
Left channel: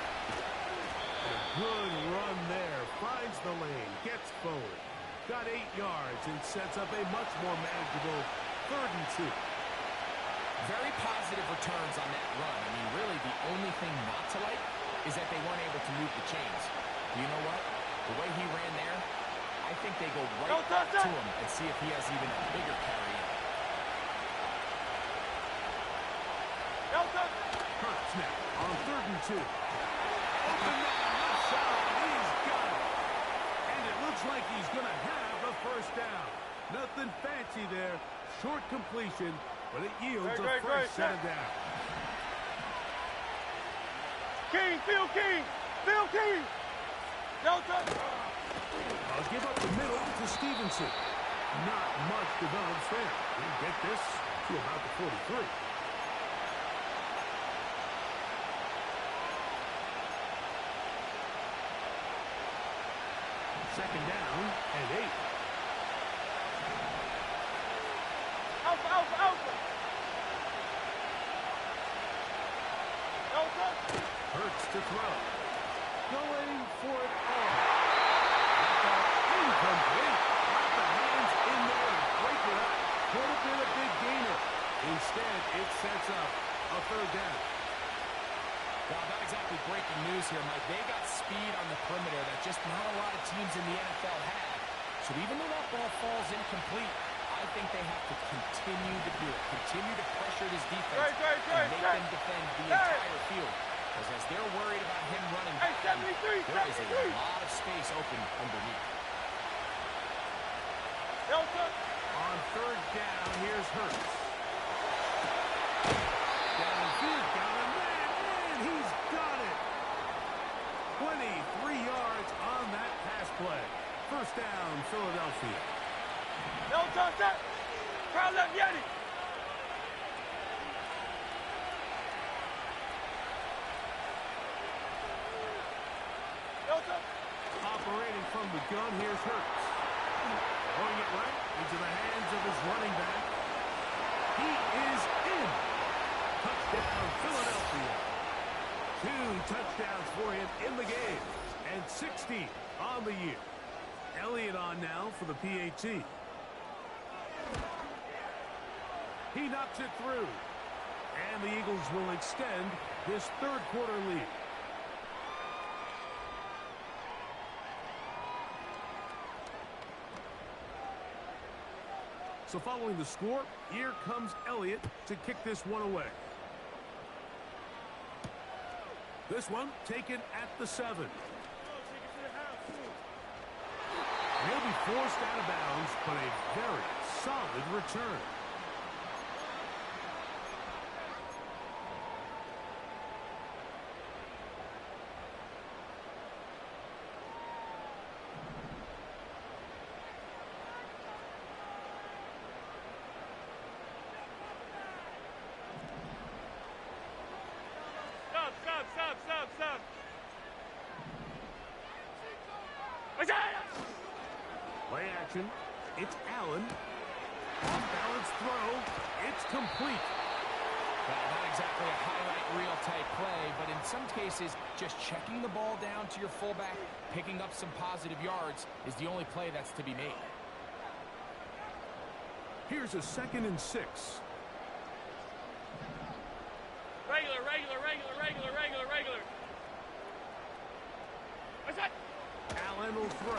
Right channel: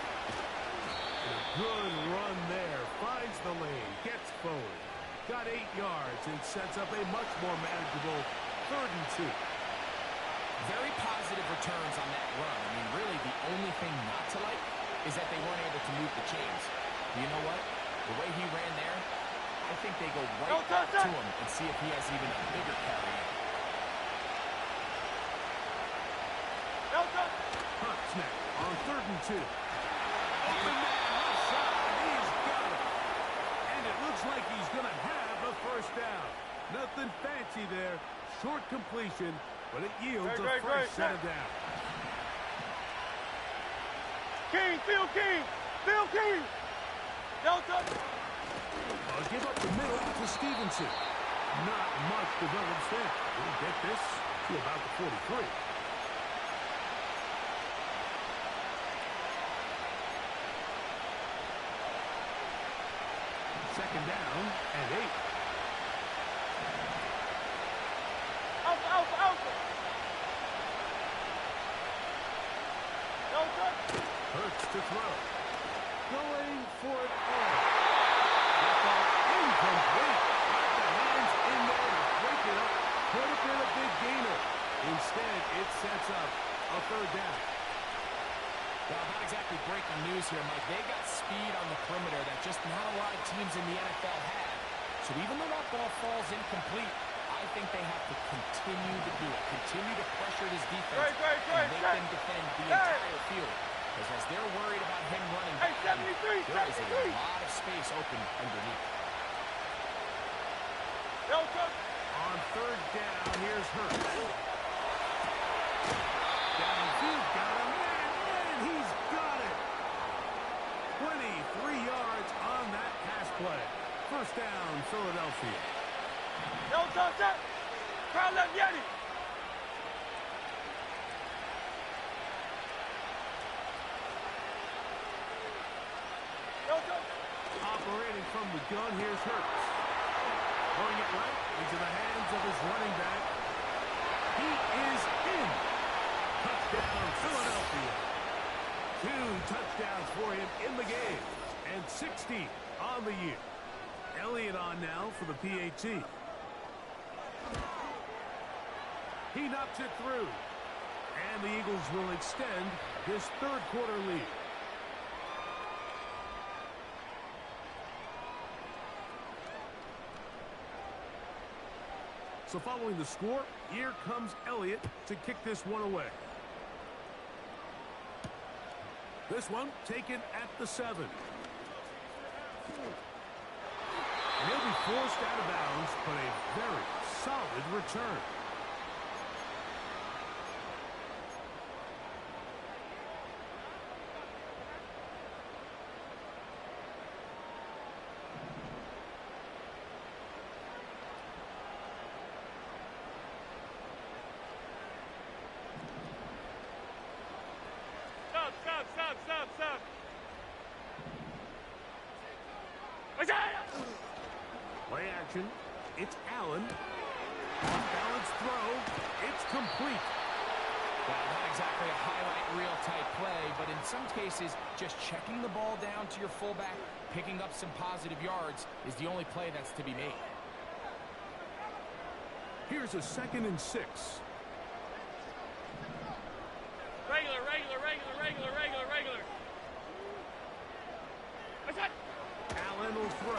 And a good run there. Finds the lane. Gets forward. Got 8 yards and sets up a much more manageable 3rd and 2. Very positive returns on that run. I mean, really, the only thing not to like is that they weren't able to move the chains. Do you know what? The way he ran there, I think they go right back to him and see if he has even a bigger carry in. Hurts now on 3rd and 2. Open man left side. He's got it. And it looks like he's going to have a 1st down. Nothing fancy there. Short completion, but it yields a fresh set of down. Phil King! Delta! I'll give up the middle to Stevenson. Not much develops there. We'll get this to about the 43. Second down and 8. Alpha! touch. Hurts to throw. Going for it all. That ball incomplete. Got the hands in there to break it up. Could have been a big gainer. Instead, it sets up a third down. Well, not exactly breaking news here, Mike. They got speed on the perimeter that just not a lot of teams in the NFL have. So even though that ball falls incomplete, I think they have to continue to do it. Continue to pressure this defense and make them defend the entire field. Because as they're worried about him running back, there is a lot of space open underneath. On third down, here's Hurts. Downfield, got him, and he's got it. 23 yards on that pass play. First down, Philadelphia. Don't touch that. Crowd left Yeti. Don't touch. Operating from the gun, here's Hurts. Throwing it right into the hands of his running back. He is in. Touchdown, Philadelphia. 2 touchdowns for him in the game. And 60 on the year. Elliott on now for the PAT. He knocks it through. And the Eagles will extend this third quarter lead. So following the score, here comes Elliott to kick this one away. This one taken at the 7. And he'll be forced out of bounds, but a very solid return. Stop. Play action. It's Allen. Off-balance throw. It's complete. Well, not exactly a highlight reel type play, but in some cases, just checking the ball down to your fullback, picking up some positive yards is the only play that's to be made. Here's a 2nd and 6. Regular. Allen will throw.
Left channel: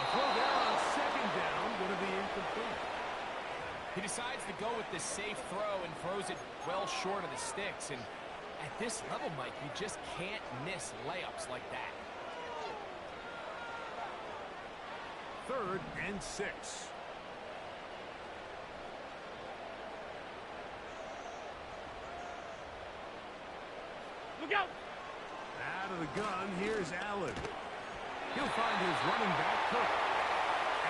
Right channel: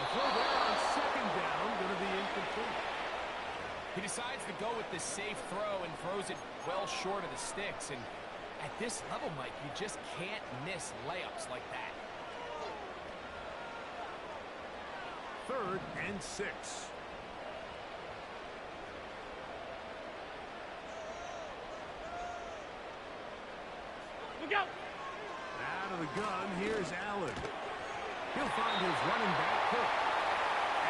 A throw there on 2nd down, going to be incomplete. He decides to go with this safe throw and throws it well short of the sticks. And at this level, Mike, you just can't miss layups like that. 3rd and 6. Look out! Out of the gun, here's Allen. He'll find his running back, Cook.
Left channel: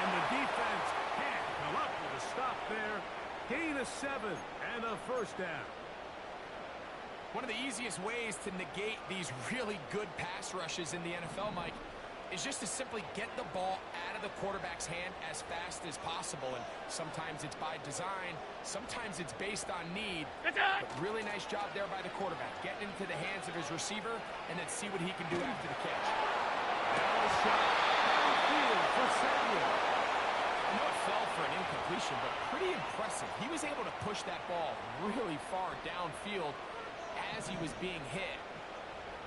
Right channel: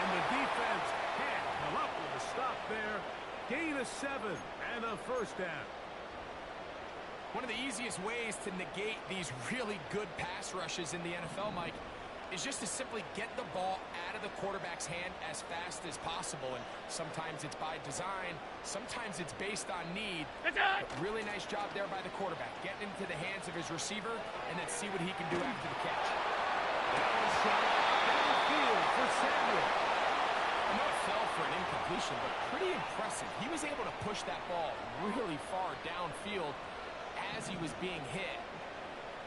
And the defense can't come up with a stop there. Gain of 7 and a first down. One of the easiest ways to negate these really good pass rushes in the NFL, Mike, is just to simply get the ball out of the quarterback's hand as fast as possible. And sometimes it's by design, sometimes it's based on need. But really nice job there by the quarterback, getting into the hands of his receiver and then see what he can do after the catch. Now a shot downfield for Samuel. I know it fell for an incompletion, but pretty impressive. He was able to push that ball really far downfield as he was being hit.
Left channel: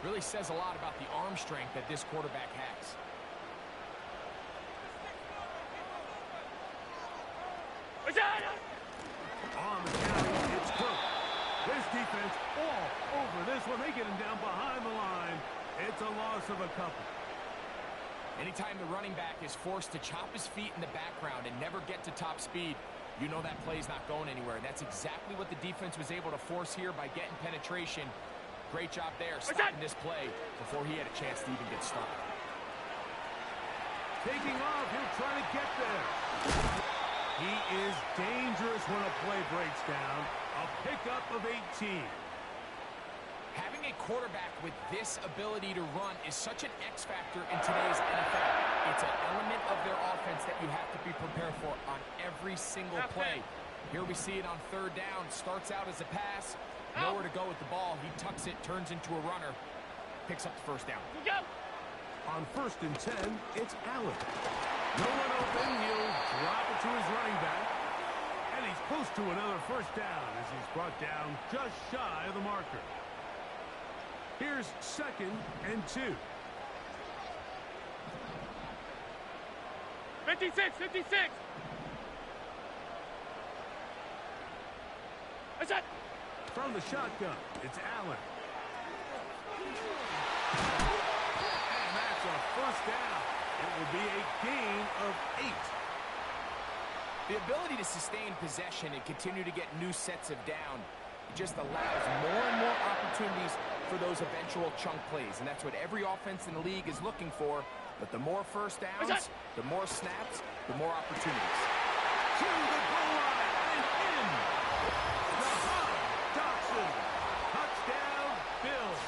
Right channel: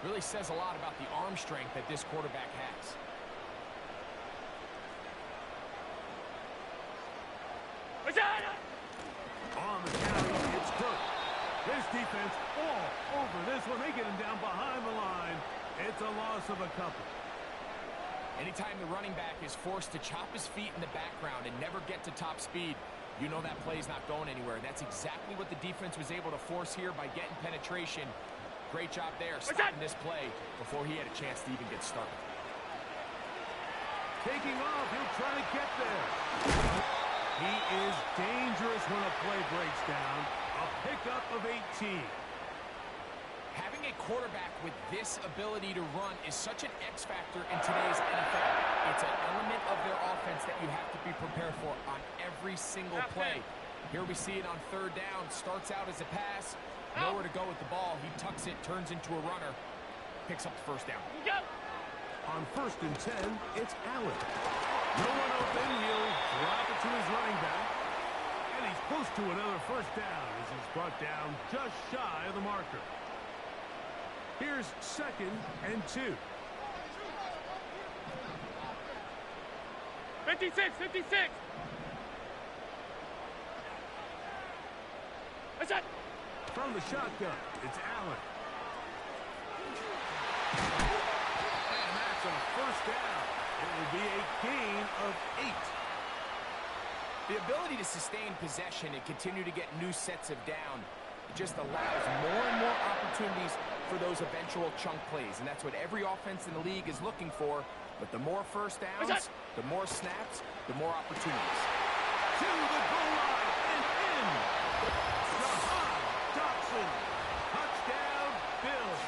Really says a lot about the arm strength that this quarterback has. On the carry, it's Cook. This defense all over this one. They get him down behind the line. It's a loss of a couple. Anytime the running back is forced to chop his feet in the background and never get to top speed, you know that play's not going anywhere. That's exactly what the defense was able to force here by getting penetration. Great job there, stopping this play before he had a chance to even get started. Taking off, he'll try to get there. He is dangerous when a play breaks down. A pickup of 18. Having a quarterback with this ability to run is such an X factor in today's NFL. It's an element of their offense that you have to be prepared for on every single play. Here we see it on 3rd down. Starts out as a pass, Nowhere to go with the ball. He tucks it, turns into a runner, picks up the first down. On 1st and 10, it's Allen. No one open. He'll drop it to his running back. And he's close to another first down as he's brought down just shy of the marker. Here's 2nd and 2. 56, 56. That's it. From the shotgun, it's Allen. And that's a first down. It will be a gain of 8. The ability to sustain possession and continue to get new sets of down, it just allows more and more opportunities for those eventual chunk plays. And that's what every offense in the league is looking for. But the more first downs, the more snaps, the more opportunities. To the goal line and in. Jahan Dotson. Touchdown, Bills.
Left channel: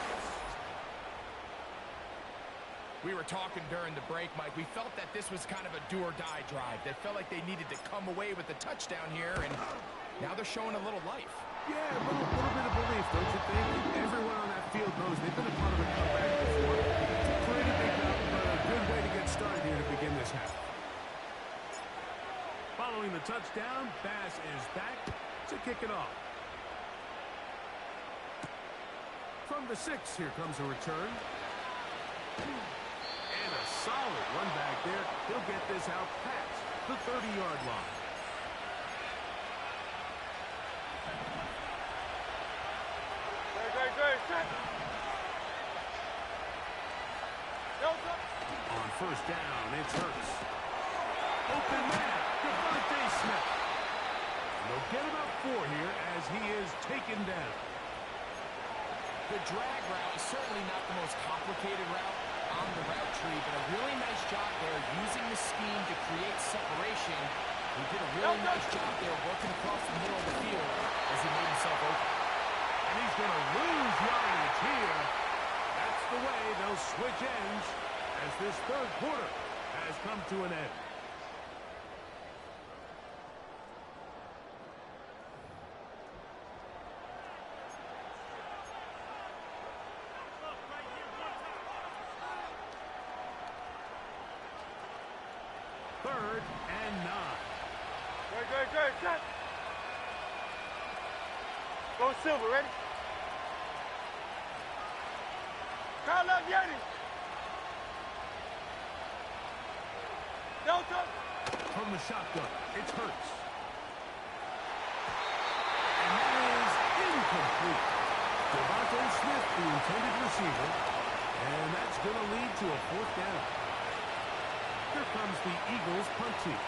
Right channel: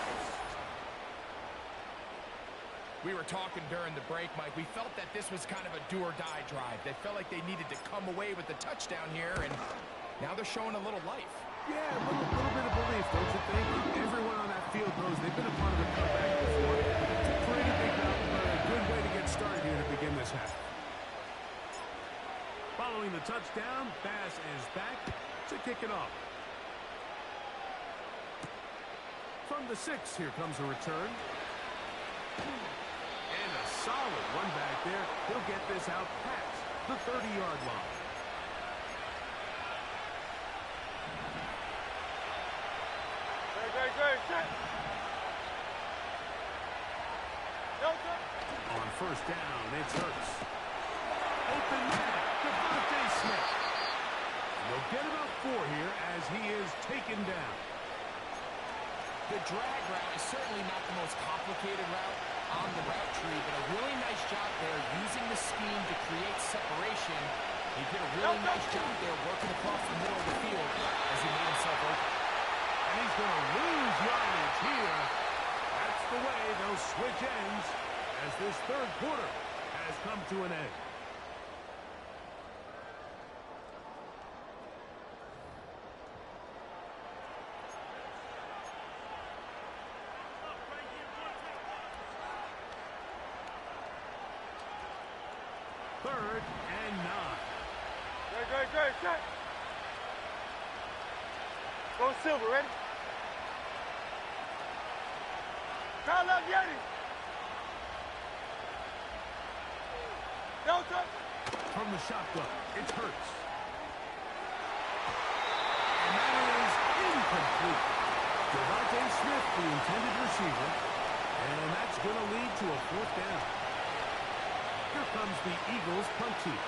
We were talking during the break, Mike. We felt that this was kind of a do-or-die drive. They felt like they needed to come away with the touchdown here, and now they're showing a little life. Yeah, a little bit of belief, don't you think? Everyone on that field knows they've been a part of a comeback before. It's a pretty big mountain, but a good way to get started here to begin this half. Following the touchdown, Bass is back to kick it off. From the 6, here comes a return. And a solid run back there. He'll get this out past the 30-yard line. Great, set. Delta. On 1st down, it's Hurts. Open man, Devontae Smith. And they'll get about 4 here as he is taken down. The drag route is certainly not the most complicated route on the route tree, but a really nice job there using the scheme to create separation. He did a really nice job there working across the middle of the field as he made himself open. And he's going to lose yardage here. That's the way they'll switch ends as this 3rd quarter has come to an end. Third and 9. Great, set. Go Silver, ready? Call up Yeti. Delta. From the shotgun, it's Hurts. And that is incomplete. Devontae Smith, the intended receiver. And that's going to lead to a 4th down. Here comes the Eagles punt team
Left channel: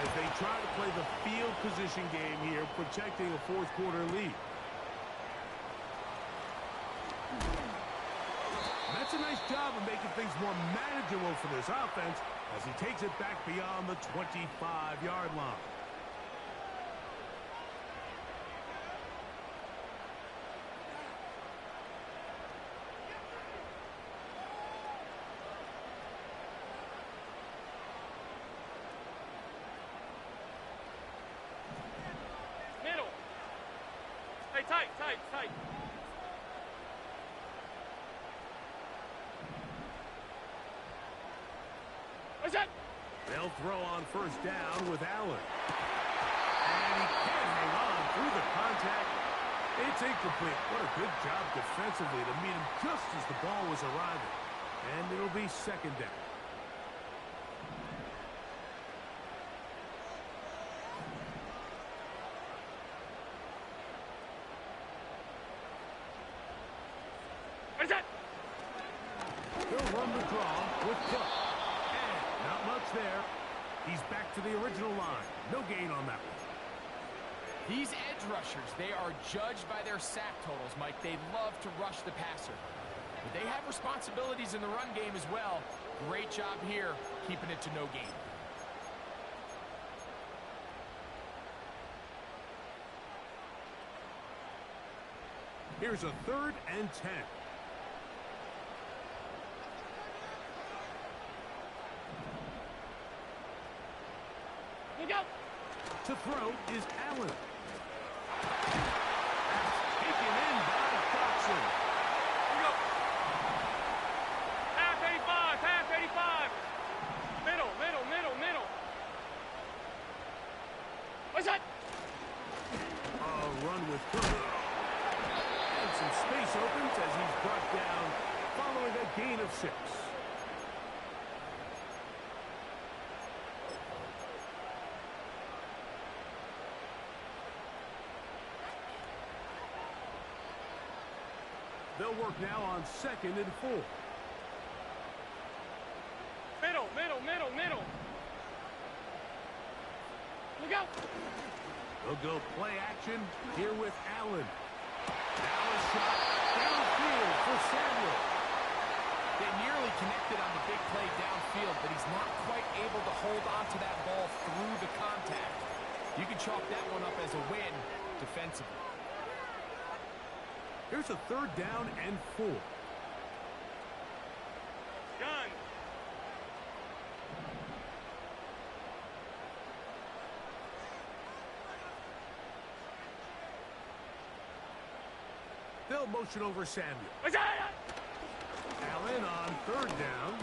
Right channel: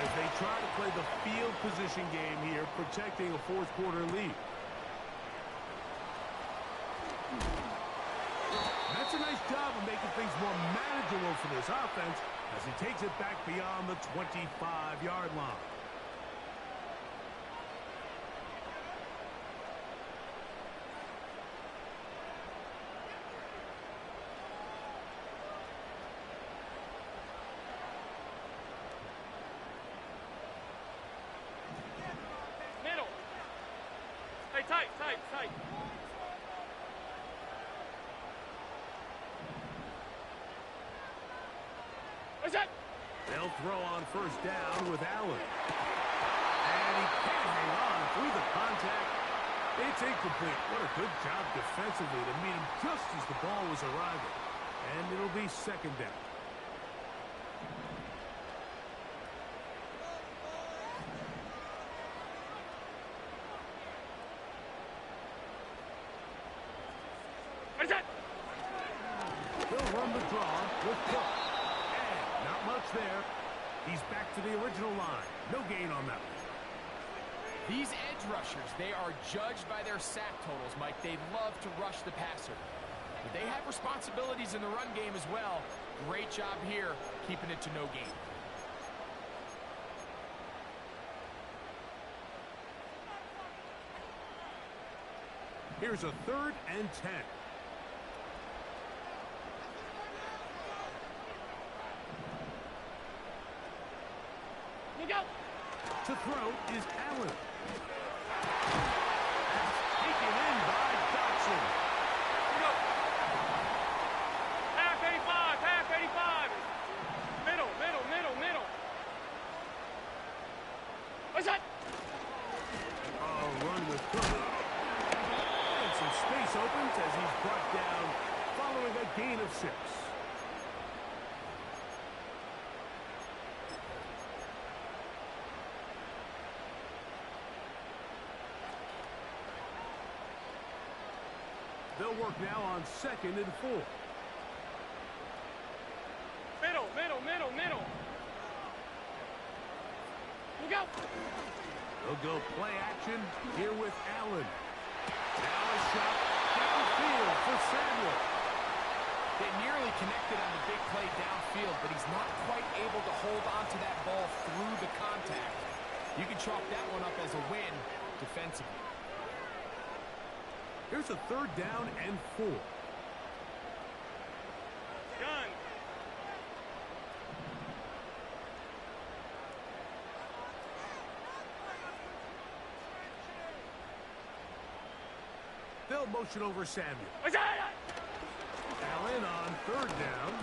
as they try to play the field position game here, protecting a 4th quarter lead. And that's a nice job of making things more manageable for this offense as he takes it back beyond the 25-yard line. Tight. What's that? They'll throw on 1st down with Allen. And he can't hang on through the contact. It's incomplete. What a good job defensively to meet him just as the ball was arriving. And it'll be 2nd down. He'll run the draw with Cook. And not much there. He's back to the original line. No gain on that one. These edge rushers, they are judged by their sack totals, Mike. They love to rush the passer. But they have responsibilities in the run game as well. Great job here, keeping it to no gain. Here's a 3rd and 10. Look out! To throw is Allen. That's space opens as he's brought down following a gain of 6. They'll work now on 2nd and 4. Middle. Look out. They'll go play action here with Allen. Now a shot downfield for Samuel. They nearly connected on the big play downfield, but he's not quite able to hold on to that ball through the contact. You can chalk that one up as a win defensively. Here's a 3rd down and 4. Gun. They'll motion over Samuel. Allen on 3rd down.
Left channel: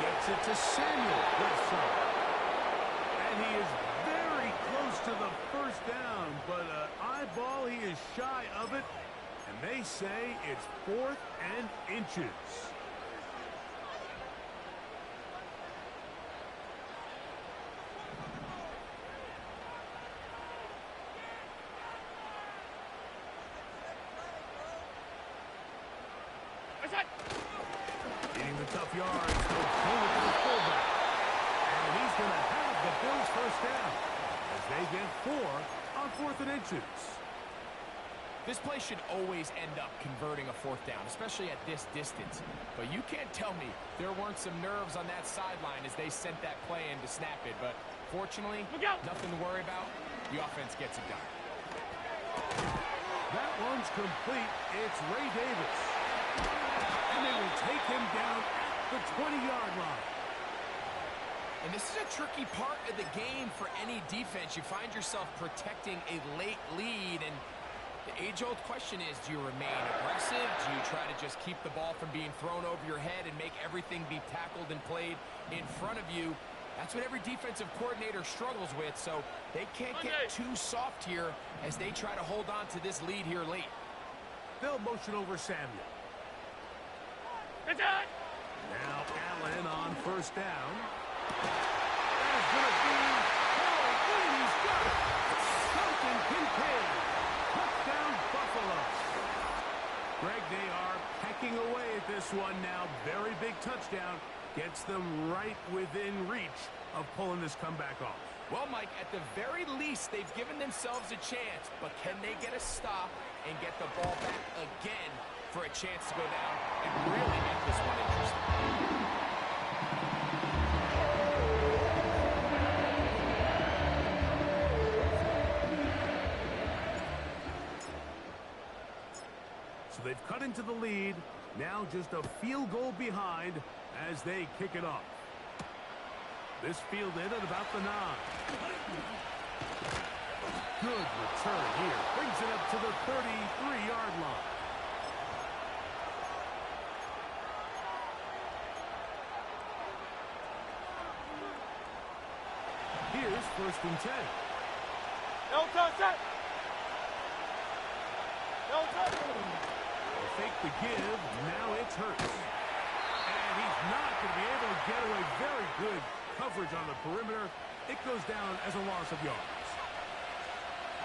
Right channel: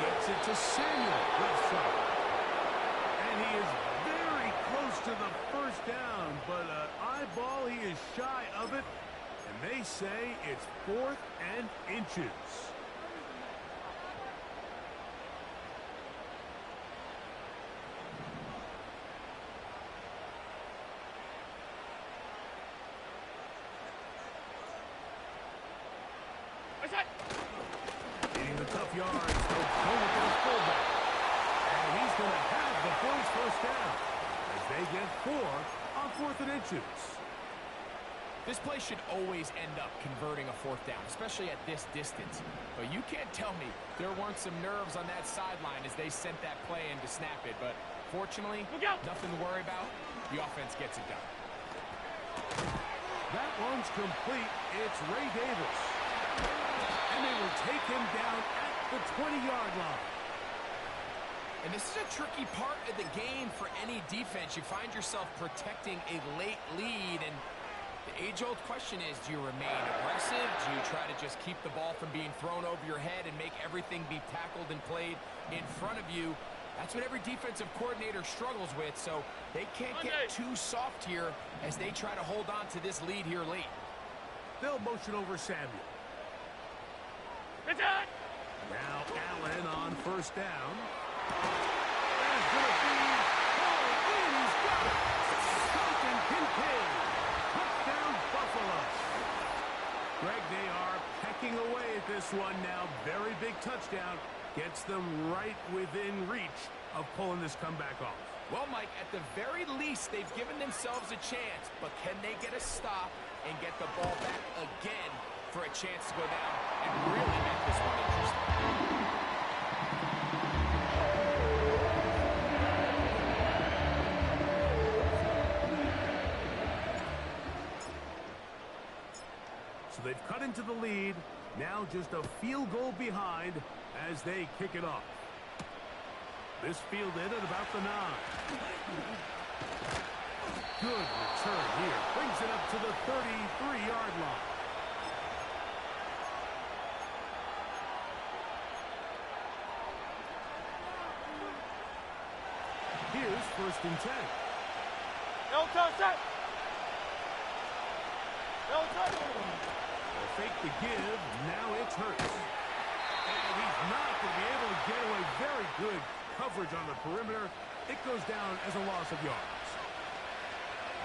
Gets it to Samuel, left side. And he is very close to the 1st down, but eyeball, he is shy of it. And they say it's 4th and inches. Getting the tough yards, they'll pull it to the fullback. And he's going to have the Bills' 1st down as they get 4 on 4th and inches. This play should always end up converting a 4th down, especially at this distance. But you can't tell me there weren't some nerves on that sideline as they sent that play in to snap it. But fortunately, nothing to worry about. The offense gets it done. That one's complete. It's Ray Davis. And they will take him down at the 20-yard line. And this is a tricky part of the game for any defense. You find yourself protecting a late lead, and the age-old question is, do you remain aggressive? Do you try to just keep the ball from being thrown over your head and make everything be tackled and played in front of you? That's what every defensive coordinator struggles with, so they can't get too soft here as they try to hold on to this lead here late. They'll motion over Samuel. It's on. Now Allen on 1st down. There's going to be and he's got it. Dalton Kincaid. Touchdown, Buffalo. Greg, they are pecking away at this one now. Very big touchdown. Gets them right within reach of pulling this comeback off. Well, Mike, at the very least, they've given themselves a chance, but can they get a stop and get the ball back again for a chance to go down and really make this one interesting? So they've cut into the lead, now just a field goal behind as they kick it off. This fielded at about the 9. Good return here, brings it up to the 33-yard line. Here's 1st and 10. No touch that. No touch. They'll fake the give. Now it's Hurts. And he's not going to be able to get away. Very good coverage on the perimeter. It goes down as a loss of yards.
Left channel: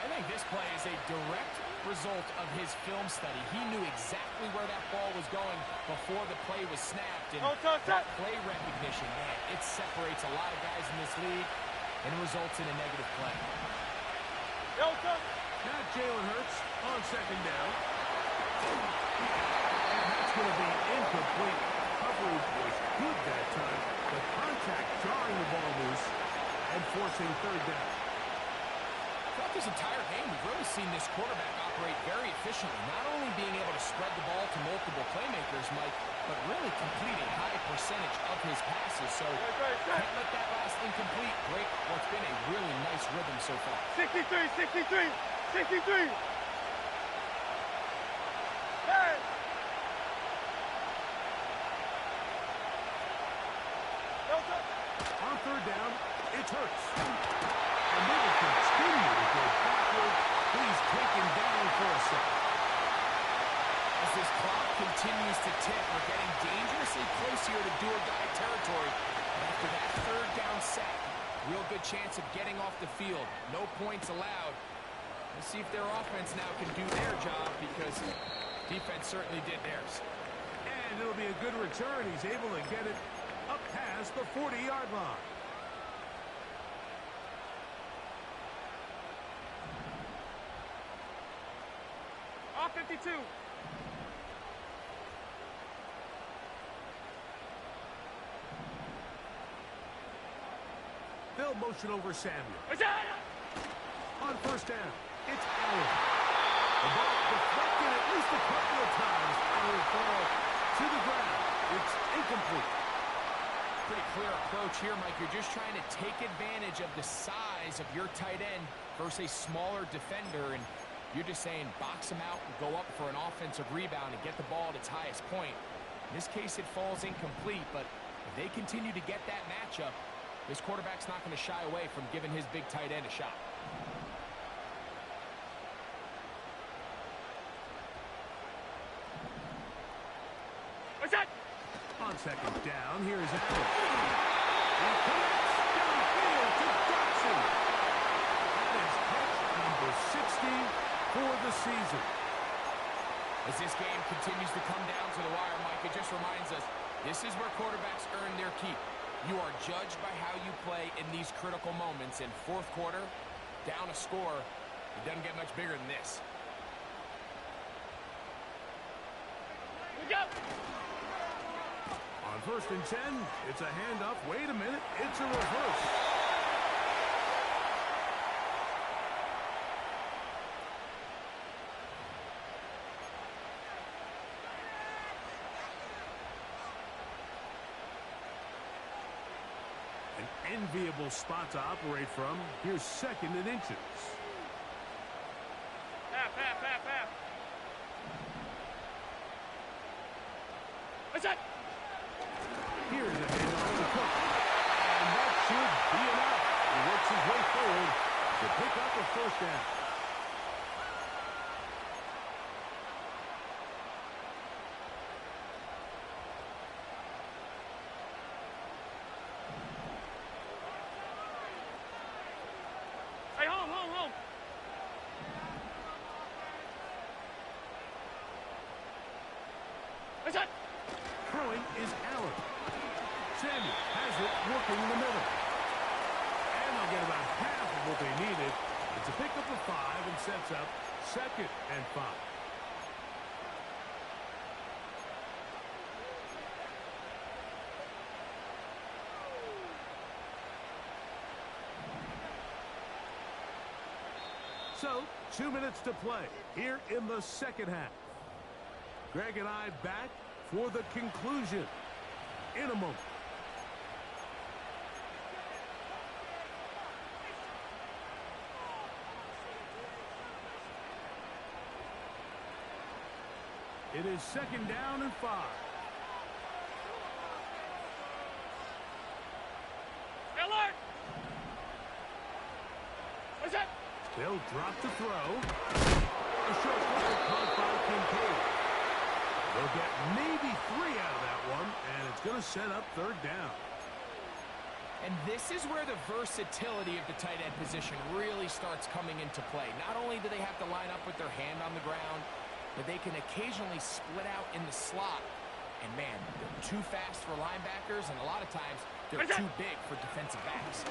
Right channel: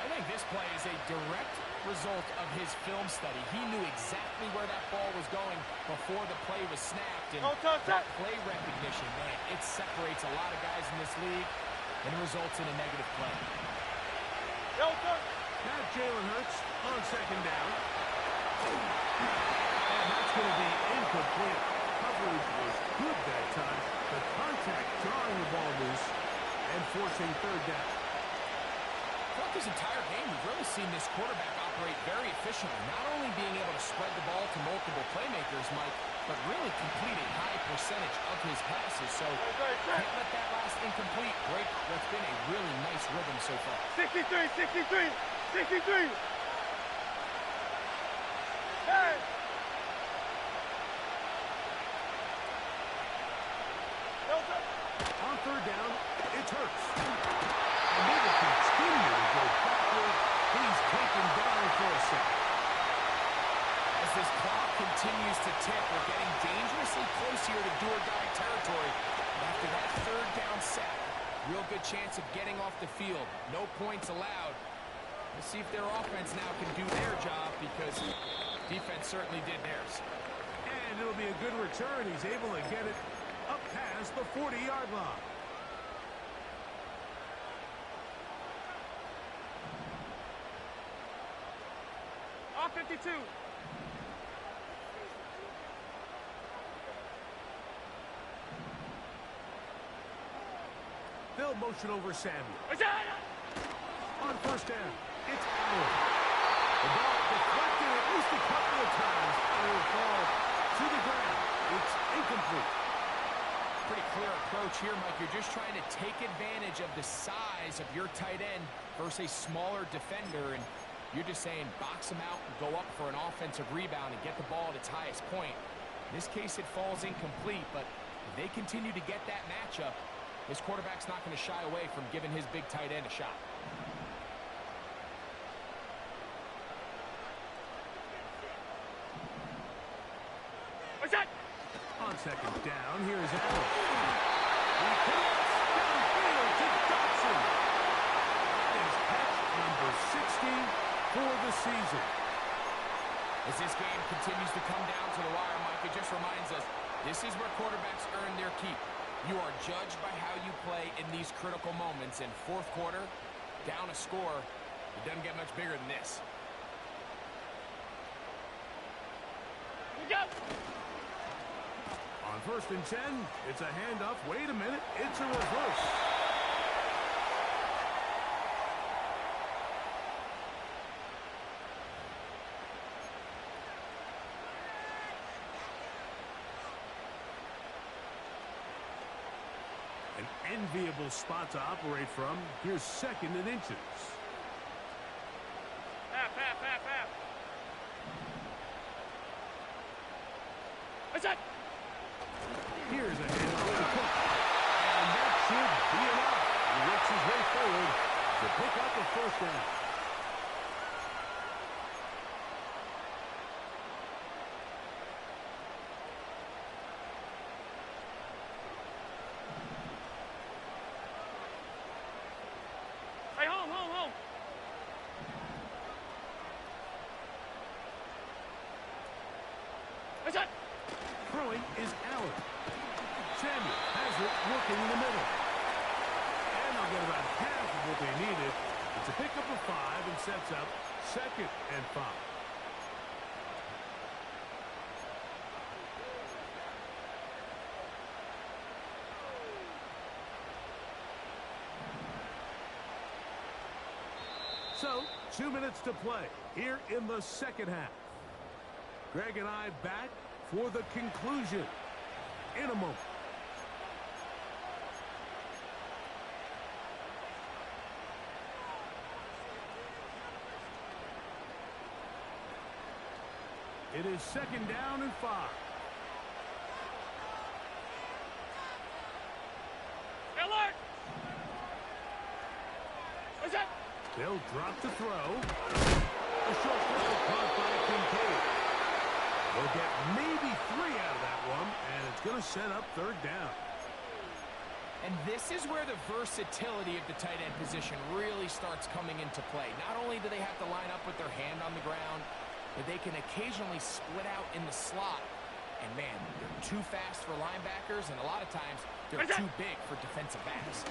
I think this play is a direct result of his film study. He knew exactly where that ball was going before the play was snapped. And that play recognition, man, it separates a lot of guys in this league and results in a negative play. No touch. Now Jalen Hurts on 2nd down. And that's going to be incomplete. Coverage was good that time. The contact jarring the ball loose and forcing 3rd down. Throughout this entire game, we've really seen this quarterback operate very efficiently, not only being able to spread the ball to multiple playmakers, Mike, but really completing high percentage of his passes. So can't let that last incomplete break what's been a really nice rhythm so far. 63. Hey! No touch. On 3rd down, it's Hurts. And they will continue to go backward. He's taken down for a second. As this clock continues to tick, we're getting dangerously close here to do-or-die territory. But after that third down sack, real good chance of getting off the field. No points allowed. Let's see if their offense now can do their job, because defense certainly did theirs. And it'll be a good return. He's able to get it up past the 40-yard line. Off 52. They'll motion over Samuel. On first down, it's Allen. The ball deflected at least a couple of times. And it will fall to the ground. It's incomplete. Pretty clear approach here, Mike. You're just trying to take advantage of the size of your tight end versus a smaller defender, and you're just saying box him out and go up for an offensive rebound and get the ball at its highest point. In this case, it falls incomplete, but if they continue to get that matchup, this quarterback's not going to shy away from giving his big tight end a shot. What's that? On second down, here's Allen. He connects downfield to Dotson. That is catch number 60 for the season. As this game continues to come down to the wire, Mike, it just reminds us, this is where quarterbacks earn their keep. You are judged by how you play in these critical moments. In fourth quarter, down a score, it doesn't get much bigger than this. Go! On first and 10, it's a handoff. Wait a minute, it's a reverse. An enviable spot to operate from. Here's second and inches. Half. What's that? Here's a handoff to Cook. And that should be enough. He works his way forward to pick up a first down. Hey, home. What's that? Throwing is Allen. Samuel has it working in the middle. And they'll get about half of what they needed. It's a pickup of 5 and sets up second and 5. So, 2 minutes to play here in the second half. Greg and I back for the conclusion in a moment. It is second down and 5. Alert! What's that? They'll drop the throw. A short throw caught by Kincaid. They'll get maybe 3 out of that one, and it's going to set up third down. And this is where the versatility of the tight end position really starts coming into play. Not only do they have to line up with their hand on the ground, but they can occasionally split out in the slot. And man, they're too fast for linebackers, and a lot of times they're too big for defensive backs.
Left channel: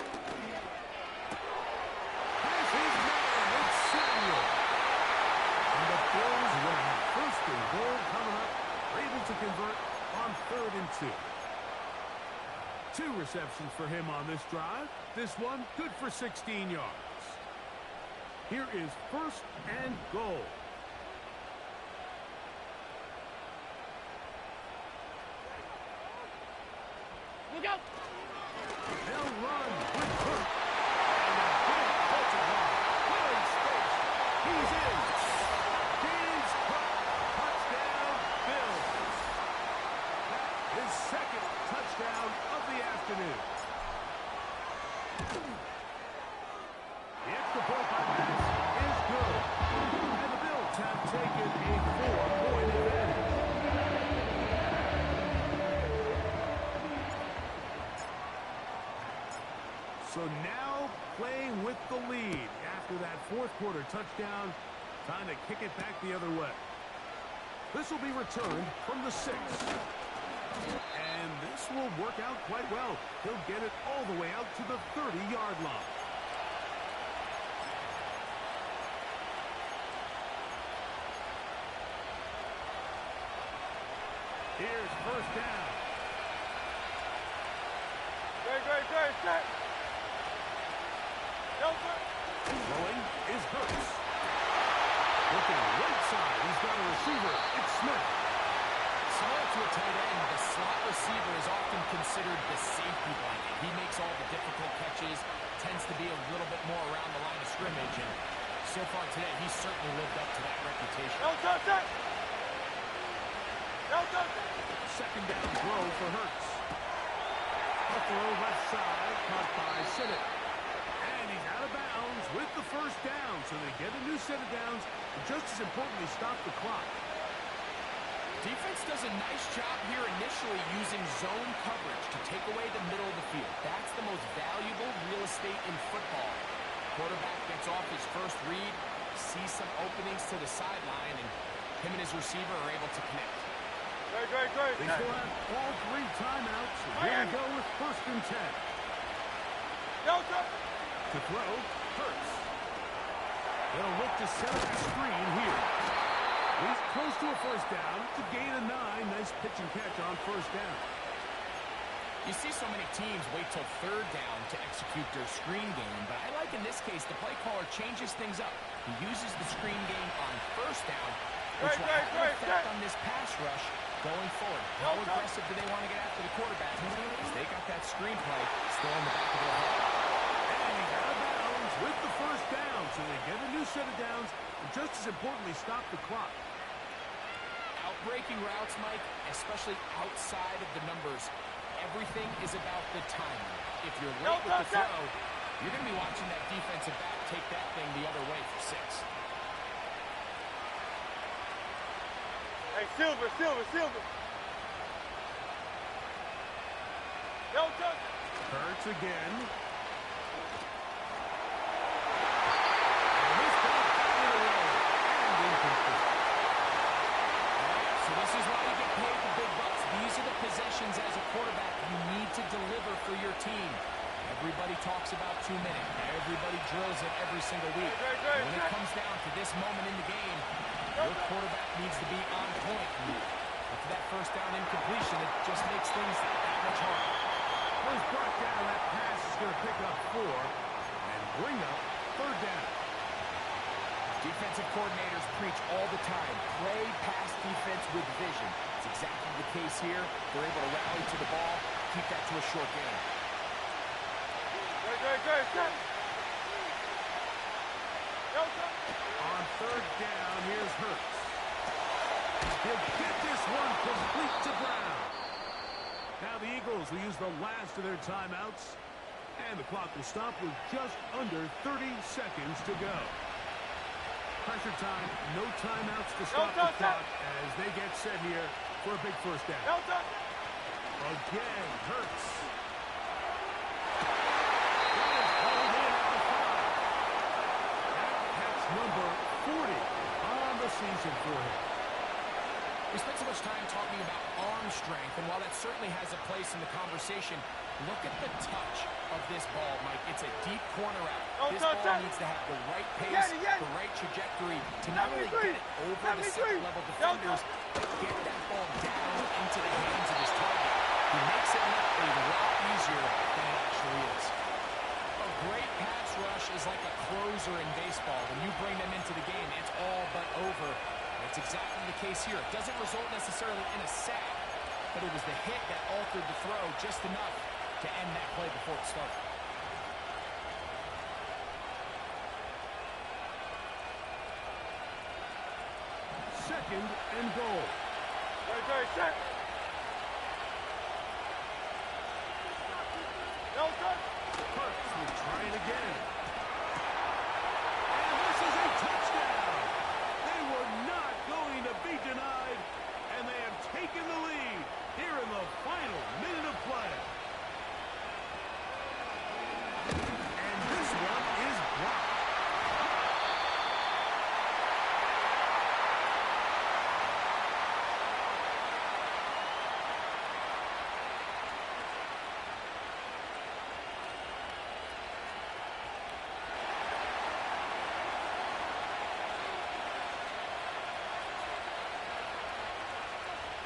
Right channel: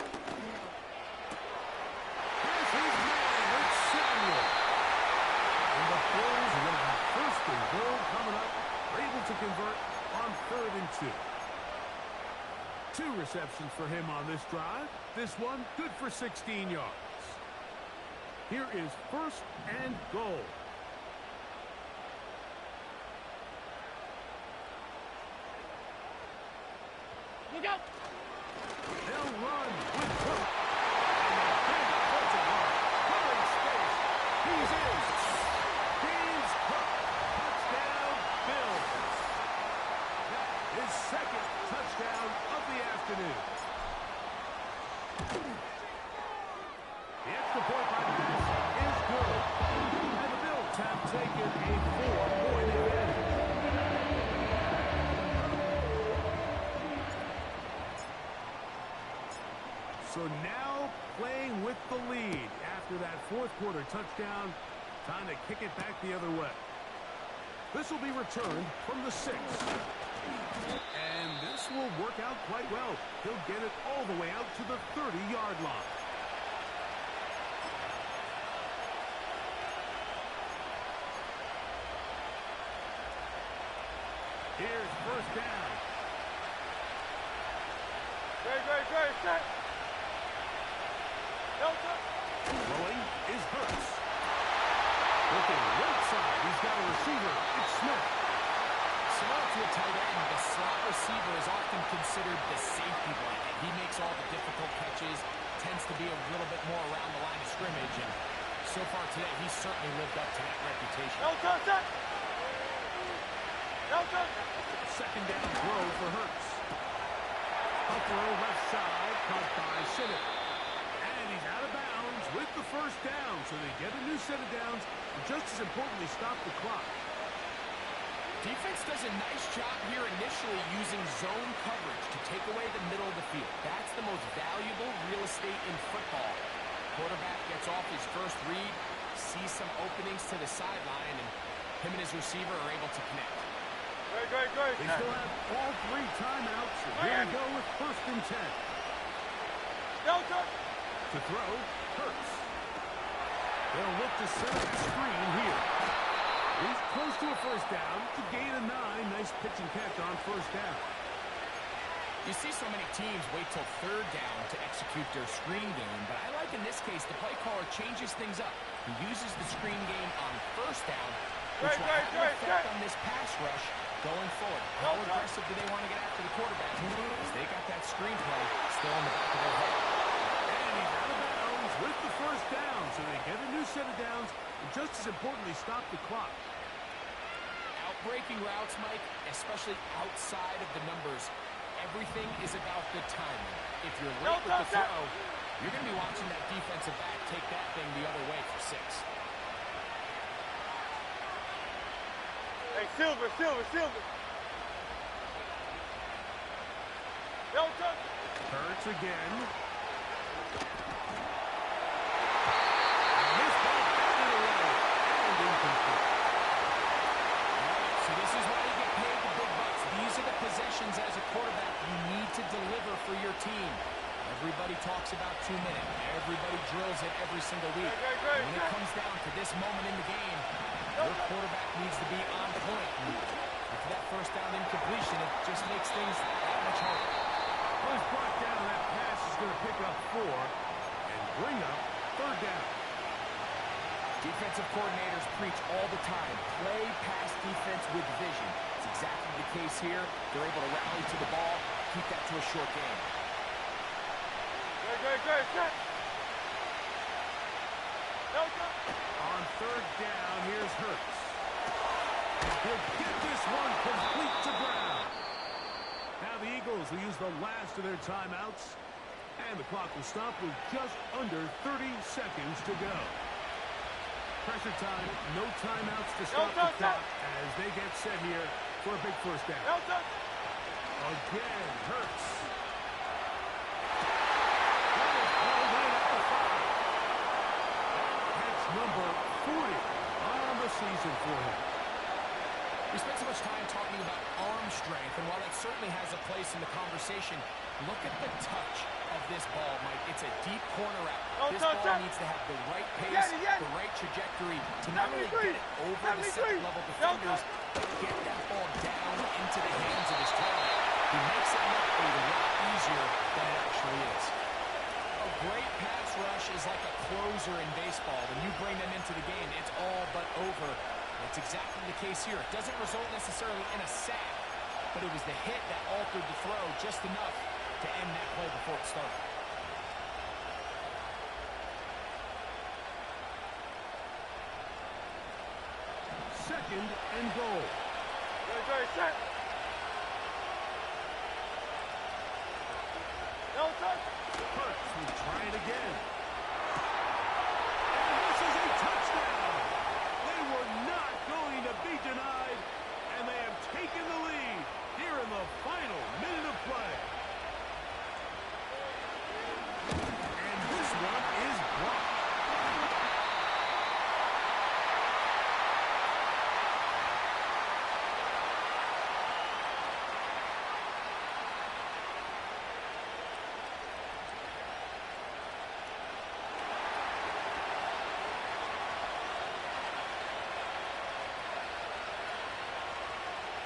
Here's his man, it's Samuel. And the Bills will have first and goal coming up. They're able to convert on third and 2. 2 receptions for him on this drive. This one good for 16 yards. Here is first and goal. Look out! They'll run with Cook. And a big Colton run. Clearing space. He's in. James Cook. Touchdown, Bills. That is second touchdown of the afternoon. The extra point by Madden is good. And the Bills have taken a 4-point advantage. So now playing with the lead after that fourth quarter touchdown. Time to kick it back the other way. This will be returned from the 6. And this will work out quite well. He'll get it all the way out to the 30-yard line. Here's first down. Great, set. Throwing is Hurts. Looking right side. He's got a receiver. It's Smith. Similar to a tight end, the slot receiver is often considered the safety blanket. He makes all the difficult catches, tends to be a little bit more around the line of scrimmage, and so far today, he's certainly lived up to that reputation. Second down throw for Hurts. A throw left side, caught by Sinnott. And he's out of bounds with the first down, so they get a new set of downs, and just as importantly, stop the clock. Defense does a nice job here initially using zone coverage to take away the middle of the field. That's the most valuable real estate in football. Quarterback gets off his first read, sees some openings to the sideline, and him and his receiver are able to connect. Great. They still have all 3 timeouts, and here we go with first and 10. To throw, Hurts. They'll look to set up a screen here. He's close to a first down. To gain a 9. Nice pitch and catch on first down. You see so many teams wait till third down to execute their screen game, but I like in this case the play caller changes things up. He uses the screen game on first down, which will have an effect on this pass rush going forward. How aggressive do they want to get after the quarterback? Because they got that screen play still in the back of their head. And he's out of bounds with the first down, so they get a new set of downs, and just as importantly, stop the clock. Outbreaking routes, Mike, especially outside of the numbers, everything is about the timing. If you're late with the throw, you're going to be watching that defensive back take that thing the other way for 6. Hey, Silver. Hurts again. And this ball batted away and incomplete. All right, so this is why you get paid the big bucks. These are the possessions as a quarterback you need to deliver for your team. Everybody talks about 2 minutes. Everybody drills it every single week. When it comes down to this moment in the game, your quarterback needs to be on point. And for that first down incompletion, it just makes things that much harder. Well, he's brought down. That pass is going to pick up 4 and bring up third down. Defensive coordinators preach all the time, play pass defense with vision. It's exactly the case here. They're able to rally to the ball, keep that to a short game. Great, set. On third down, here's Hurts. He'll get this one complete to Brown. Now the Eagles will use the last of their timeouts, and the clock will stop with just under 30 seconds to go. Pressure time, no timeouts to stop the clock as they get set here for a big first down. Again, Hurts. That is hauled in at the 5. That catch number 40 on the season for him. We spent so much time talking about arm strength, and while that certainly has a place in the conversation, look at the touch of this ball, Mike. It's a deep corner out. This ball needs to have the right pace, the right trajectory to not only get it over the second-level defenders, but get that ball down into the hands of his target. He makes it look a lot easier than it actually is. A great pass rush is like a closer in baseball. When you bring them into the game, it's all but over. It's exactly the case here. It doesn't result necessarily in a sack, but it was the hit that altered the throw just enough to end that play before it started. Second and goal. Great, set. Hurts will try it again. And this is a touchdown. They were not going to be denied, and they have taken the lead here in the final minute of play. And this one is blocked.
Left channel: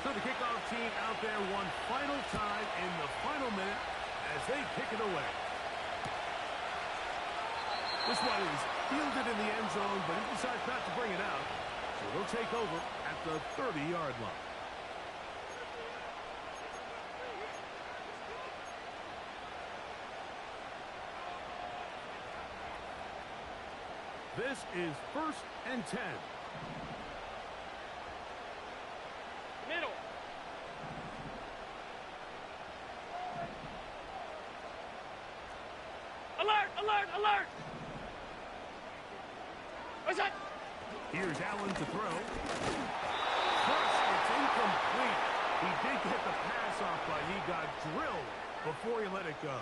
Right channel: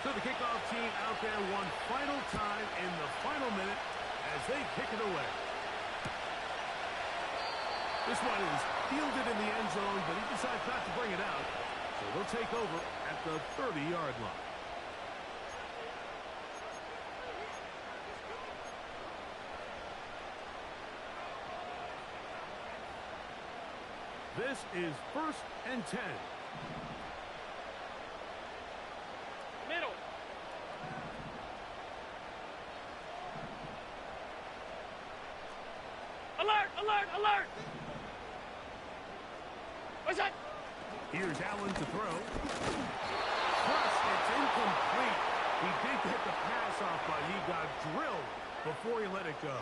So the kickoff team out there one final time in the final minute as they kick it away. This one is fielded in the end zone, but he decides not to bring it out. So they'll take over at the 30-yard line. This is 1st and 10. Middle. Alert! Alert! Alert! What's that? Here's Allen to throw. First, it's incomplete. He did get the pass off, but he got drilled before he let it go.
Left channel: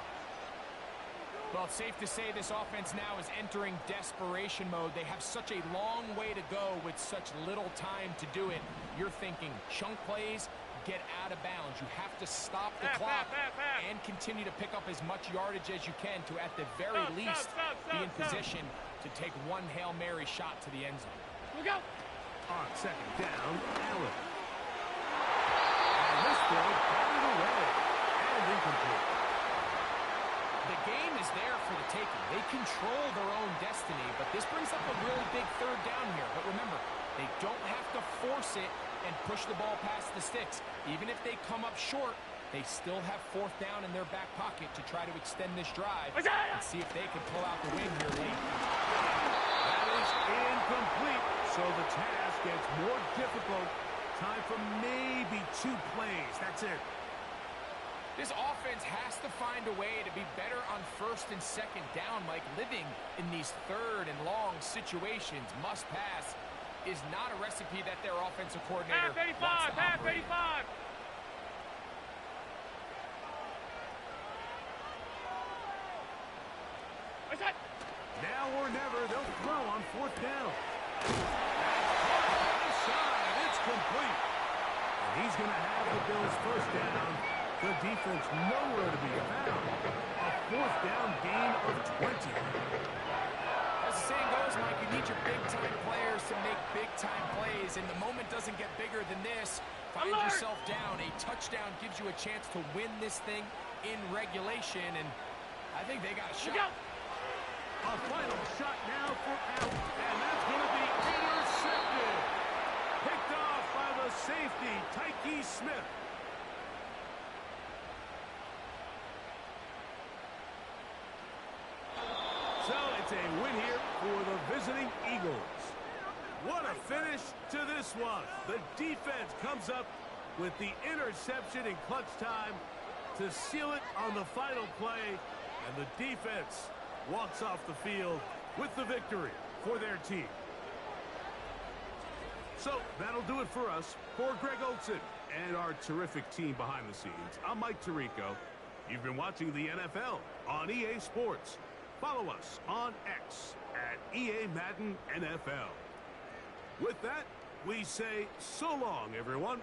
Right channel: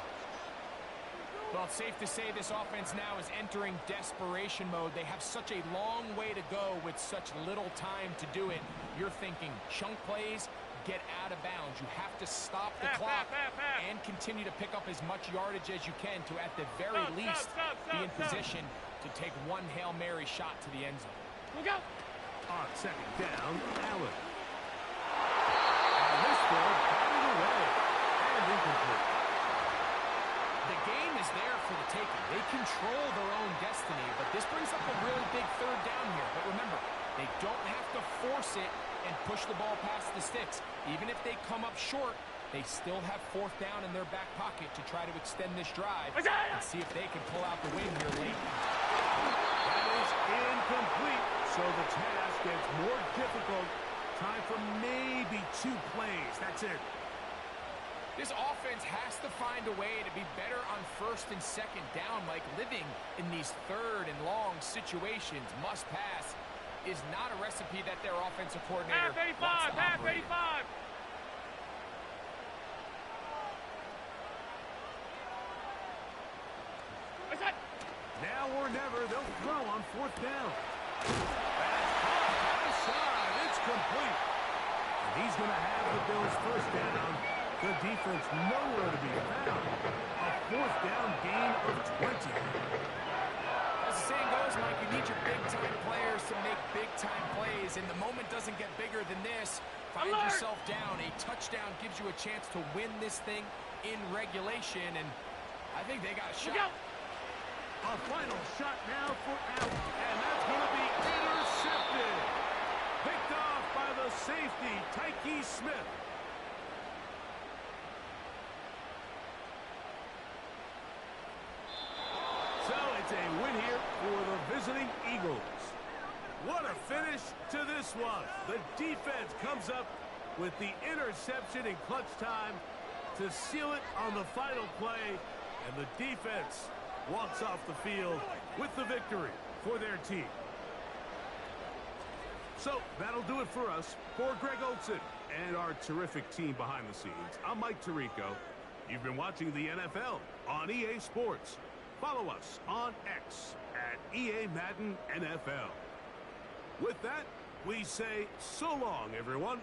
Well, it's safe to say this offense now is entering desperation mode. They have such a long way to go with such little time to do it. You're thinking chunk plays, get out of bounds. You have to stop the clock and continue to pick up as much yardage as you can to, at the very least, be in position to take one Hail Mary shot to the end zone. Look out! On 2nd down, Allen. And this throw batted away and incomplete. The game is there for the taking. They control their own destiny, but this brings up a really big 3rd down here. But remember, they don't have to force it and push the ball past the sticks. Even if they come up short, they still have 4th down in their back pocket to try to extend this drive and see if they can pull out the win here late. That is incomplete, so the task gets more difficult. Time for maybe 2 plays. That's it. This offense has to find a way to be better on 1st and 2nd down. Mike, living in these 3rd and long situations, must pass, is not a recipe that their offensive coordinator wants to operate in. What's that? Now or never, they'll throw on 4th down. That's caught high side. It's complete. And he's going to have the Bills' 1st down. The defense nowhere to be found. A 4th down gain of 20. As the saying goes, Mike, you need your big-time players to make big-time plays, and the moment doesn't get bigger than this. Find yourself down. A touchdown gives you a chance to win this thing in regulation, and I think they got a shot. A final shot now for Allen, and that's going to be intercepted. Picked off by the safety, Tyke Smith. So it's a win here for the visiting Eagles. What a finish to this one. The defense comes up with the interception in clutch time to seal it on the final play, and the defense walks off the field with the victory for their team. So that'll do it for us. For Greg Olson and our terrific team behind the scenes, I'm Mike Tirico. You've been watching the NFL on EA Sports. Follow us on X at EA Madden NFL. With that, we say so long, everyone.